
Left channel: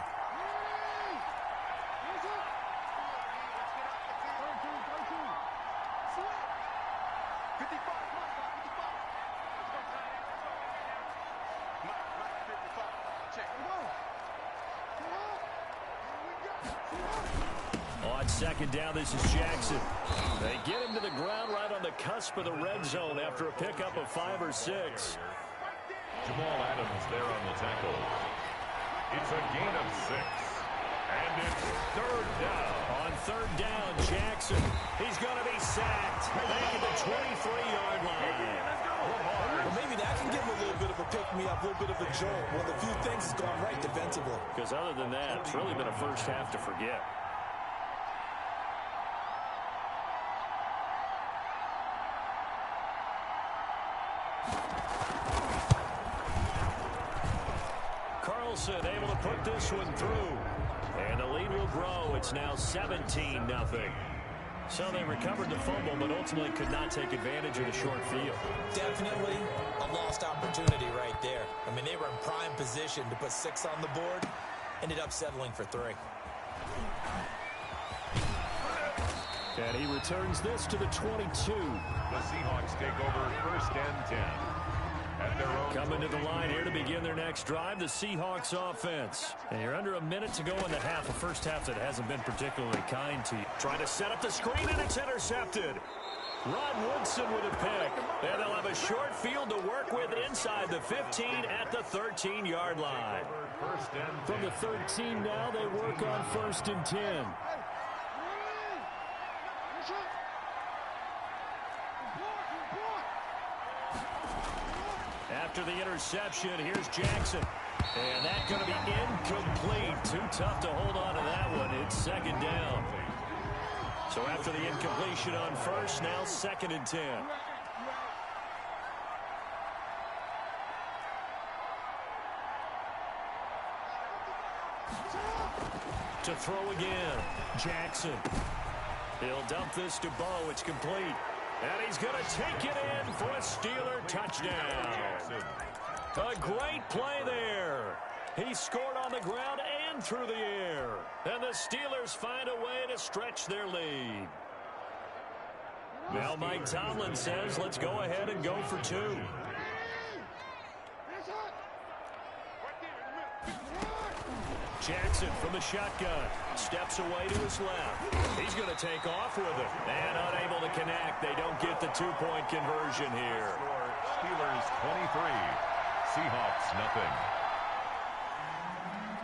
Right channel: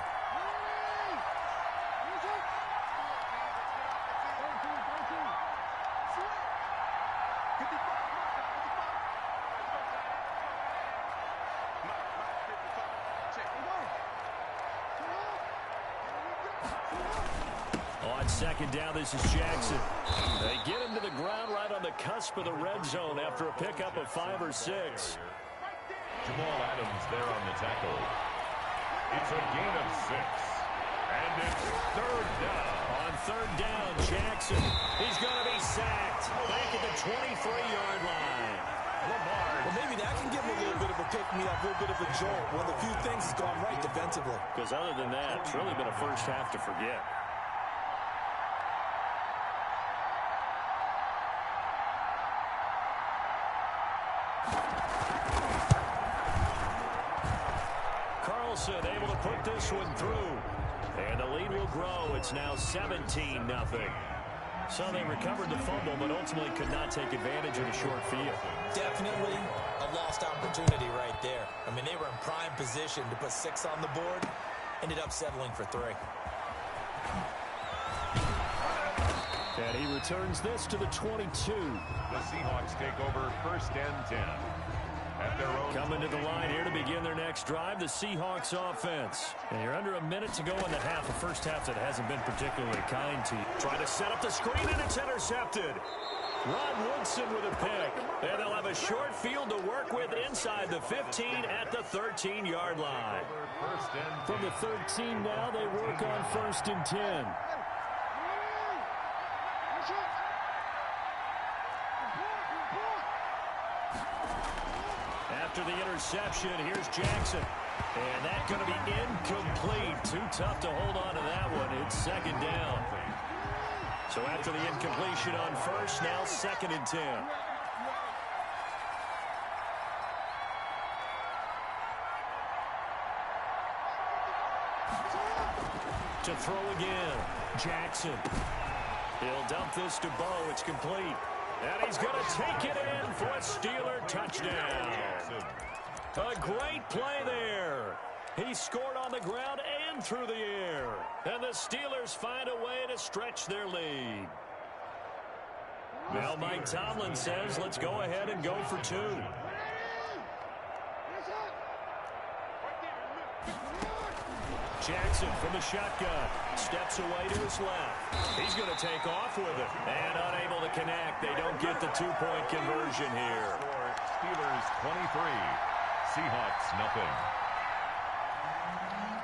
On second down, this is Jackson. They get him to the ground right on the cusp of the red zone after a pickup of 5 or 6. Jamal Adams there on the tackle. It's a gain of 6. And it's third down. On third down, Jackson. He's going to be sacked back at the 23-yard line. Well, maybe that can give him a little bit of a pick-me-up, a little bit of a jolt. One of the few things that's gone right defensively. Because other than that, it's really been a first half to forget. Carlson able to put this one through. And the lead will grow. It's now 17-0. So they recovered the fumble, but ultimately could not take advantage of the short field. Definitely a lost opportunity right there. I mean, they were in prime position to put 6 on the board. Ended up settling for 3. And he returns this to the 22. The Seahawks take over first and 10. At their own Coming to the line here to begin their next drive, the Seahawks offense. And you're under a minute to go in the half, a first half that hasn't been particularly kind to you. Trying to set up the screen, and it's intercepted. Rod Woodson with a pick. And they'll have a short field to work with inside the 15 at the 13-yard line. From the 13 now, they work on first and 10. After the interception, here's Jackson. And that's going to be incomplete. Too tough to hold on to that one. It's second down. So after the incompletion on first, now 2nd and 10. To throw again, Jackson. He'll dump this to Bo. It's complete. And he's going to take it in for a Steeler touchdown. A great play there. He scored on the ground and through the air. And the Steelers find a way to stretch their lead. Now Mike Tomlin says, let's go ahead and go for 2. Jackson from the shotgun. Steps away to his left. He's going to take off with it. And unable to connect. They don't get the 2-point conversion here. Steelers 23. Seahawks nothing.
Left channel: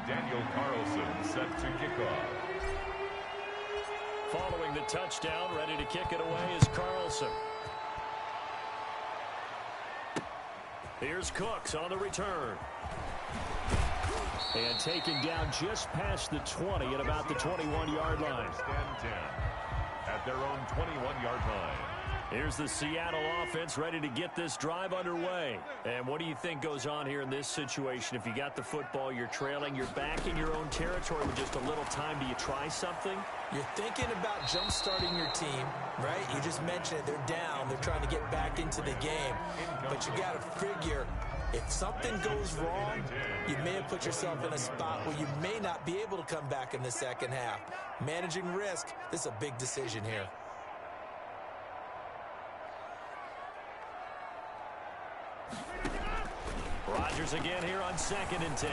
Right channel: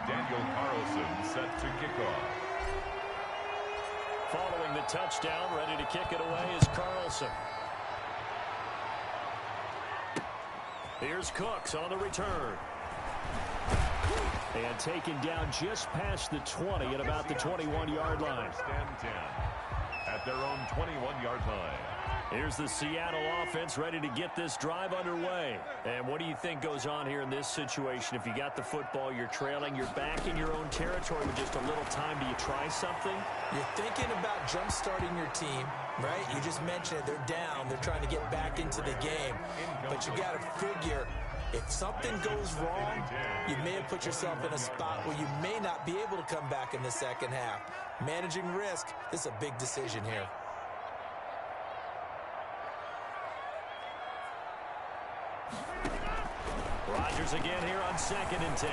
Daniel Carlson set to kick off. Following the touchdown, ready to kick it away is Carlson. Here's Cooks on the return. And taken down just past the 20 at about the 21-yard line. First and 10 at their own 21-yard line. Here's the Seattle offense ready to get this drive underway. And what do you think goes on here in this situation? If you got the football, you're trailing, you're back in your own territory with just a little time. Do you try something? You're thinking about jump-starting your team, right? You just mentioned it. They're down. They're trying to get back into the game. But you got to figure, if something goes wrong, you may have put yourself in a spot where you may not be able to come back in the second half. Managing risk, this is a big decision here. Rodgers again here on 2nd and 10.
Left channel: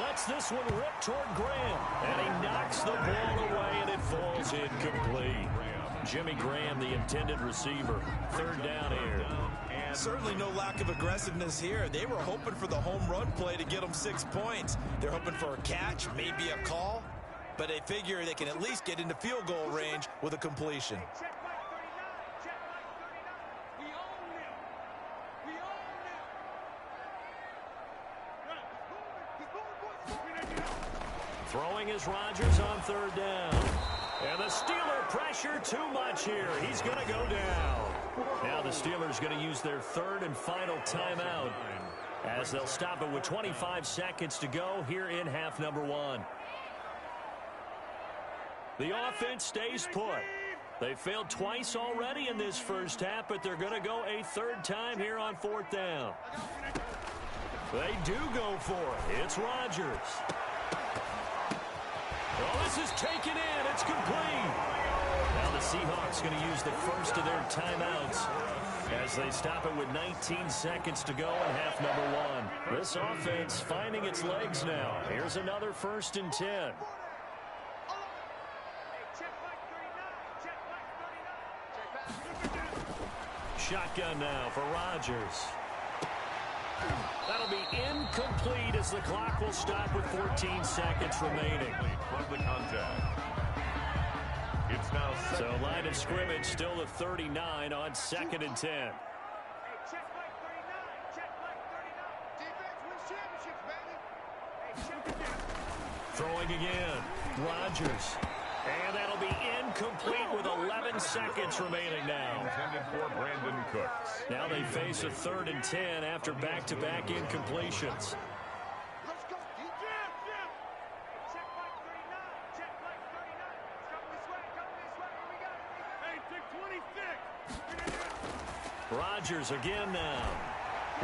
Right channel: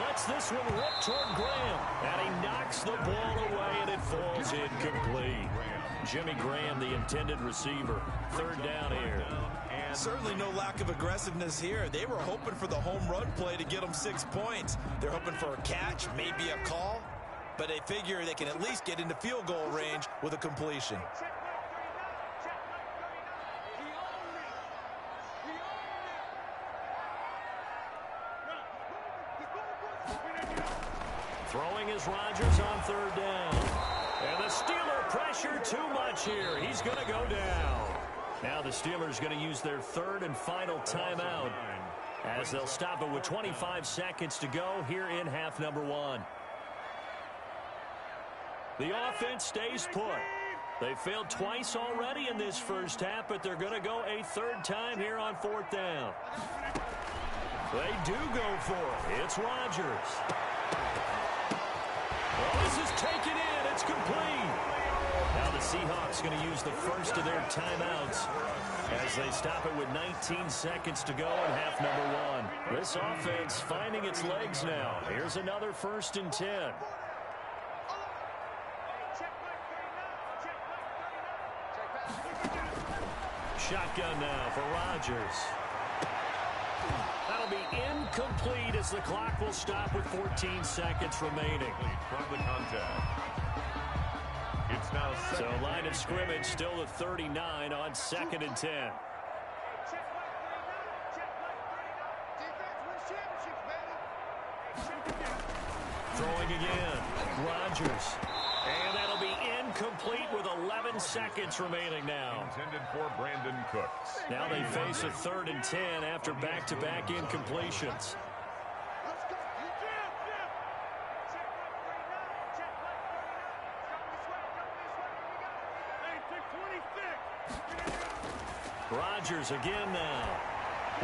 Lets this one rip toward Graham. And he knocks the ball away, and it falls incomplete. Jimmy Graham, the intended receiver. 3rd down here. Certainly no lack of aggressiveness here. They were hoping for the home run play to get them 6 points. They're hoping for a catch, maybe a call. But they figure they can at least get into field goal range with a completion. Throwing is Rodgers on 3rd down. And the Steeler pressure too much here. He's going to go down. Now the Steelers going to use their 3rd and final timeout as they'll stop it with 25 seconds to go here in half number 1. The offense stays put. They failed twice already in this first half, but they're going to go a 3rd time here on 4th down. They do go for it. It's Rodgers. Well, this is taken in. It's complete. Now the Seahawks going to use the first of their timeouts as they stop it with 19 seconds to go in half number 1. This offense finding its legs now. Here's another 1st and 10. Shotgun now for Rodgers. That'll be incomplete as the clock will stop with 14 seconds remaining. From the contact. It's now so line of scrimmage still the 39 on 2nd and 10. Throwing again. Rodgers. And that'll be incomplete with 11 seconds remaining now. Intended for Brandon Cooks. Now they face a 3rd and 10 after back-to-back incompletions. Let's go, Jim. Check like 39. Check like 39. Come this way. Here we go. Hey, check 26. Rodgers again now.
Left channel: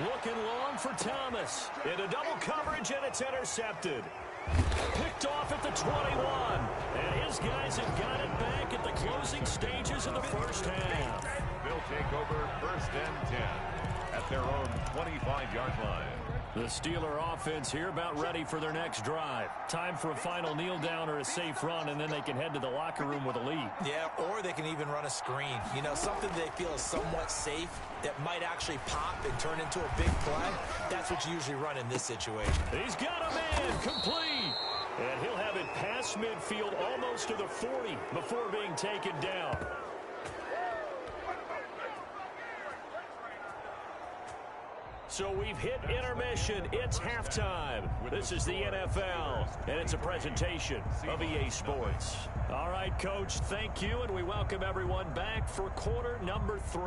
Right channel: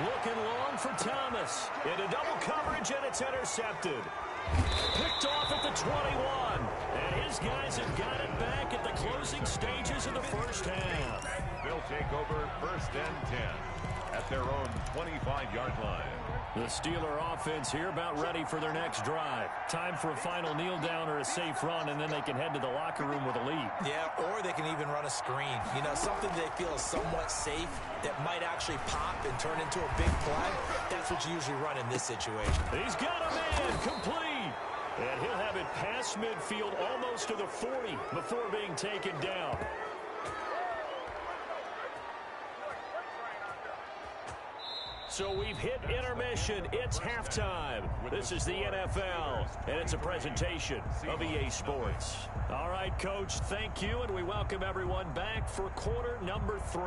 Looking long for Thomas. Into double coverage, and it's intercepted. Picked off at the 21. And his guys have got it back at the closing stages of the first half. They'll take over 1st and 10 at their own 25-yard line. The Steeler offense here about ready for their next drive. Time for a final kneel down or a safe run, and then they can head to the locker room with a lead. Yeah, or they can even run a screen. You know, something they feel is somewhat safe that might actually pop and turn into a big play. That's what you usually run in this situation. He's got a man complete. And he'll have it past midfield almost to the 40 before being taken down. So we've hit intermission. It's halftime. This is the NFL, and it's a presentation of EA Sports. All right, Coach, thank you, and we welcome everyone back for quarter number 3.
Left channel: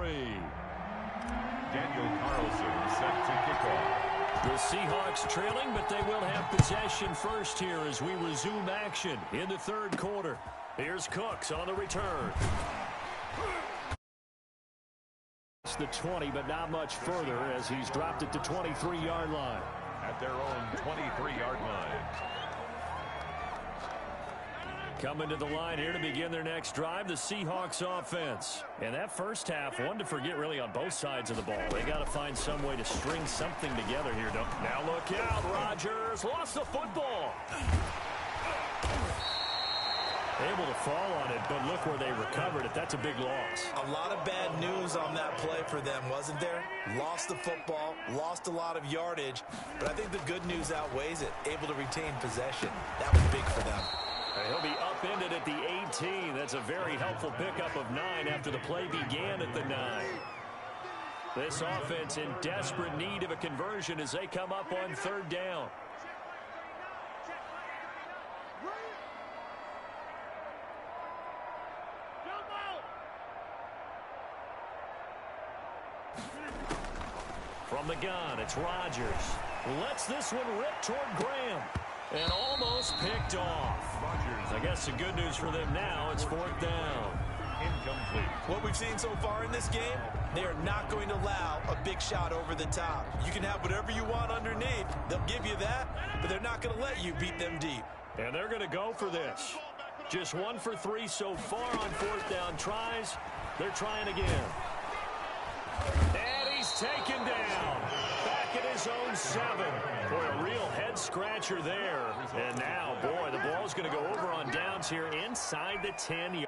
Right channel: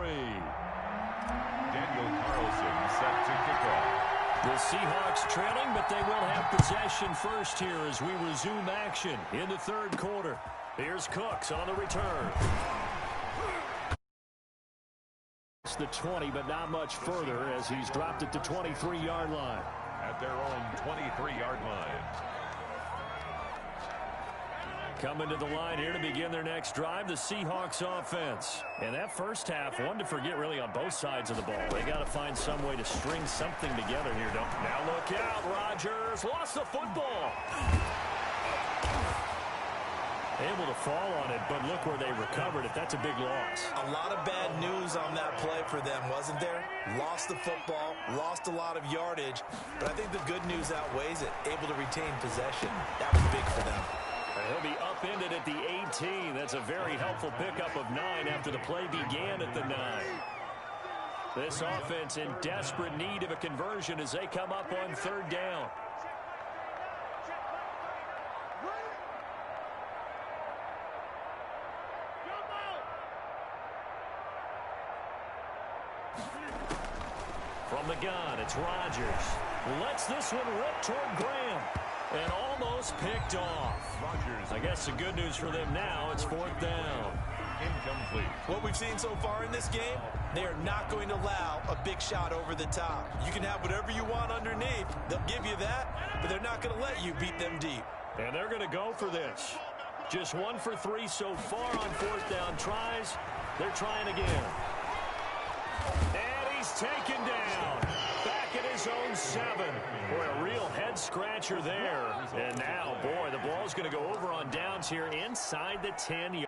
Daniel Carlson set to kick off. The Seahawks trailing, but they will have possession first here as we resume action in the 3rd quarter. Here's Cooks on the return. It's the 20, but not much further as he's dropped it to 23-yard line. At their own 23-yard line. Coming to the line here to begin their next drive, the Seahawks offense. And that first half, one to forget really on both sides of the ball. They got to find some way to string something together here, don't they? Now look out, Rodgers lost the football. Able to fall on it, but look where they recovered it. That's a big loss. A lot of bad news on that play for them, wasn't there? Lost the football, lost a lot of yardage, but I think the good news outweighs it. Able to retain possession. That was big for them. And he'll be upended at the 18. That's a very helpful pickup of 9 after the play began at the 9. This offense in desperate need of a conversion as they come up on 3rd down. From the gun, it's Rodgers. Lets this one rip toward Graham. And almost picked off. Rodgers. I guess the good news for them now, it's 4th down. Incomplete. What we've seen so far in this game, they are not going to allow a big shot over the top. You can have whatever you want underneath. They'll give you that, but they're not going to let you beat them deep. And they're going to go for this. Just 1 for 3 so far on 4th down tries. They're trying again. And he's taken down. Back at his own 7. Boy, a real head-scratcher there. And now, boy, the ball's going to go over on downs here inside the 10.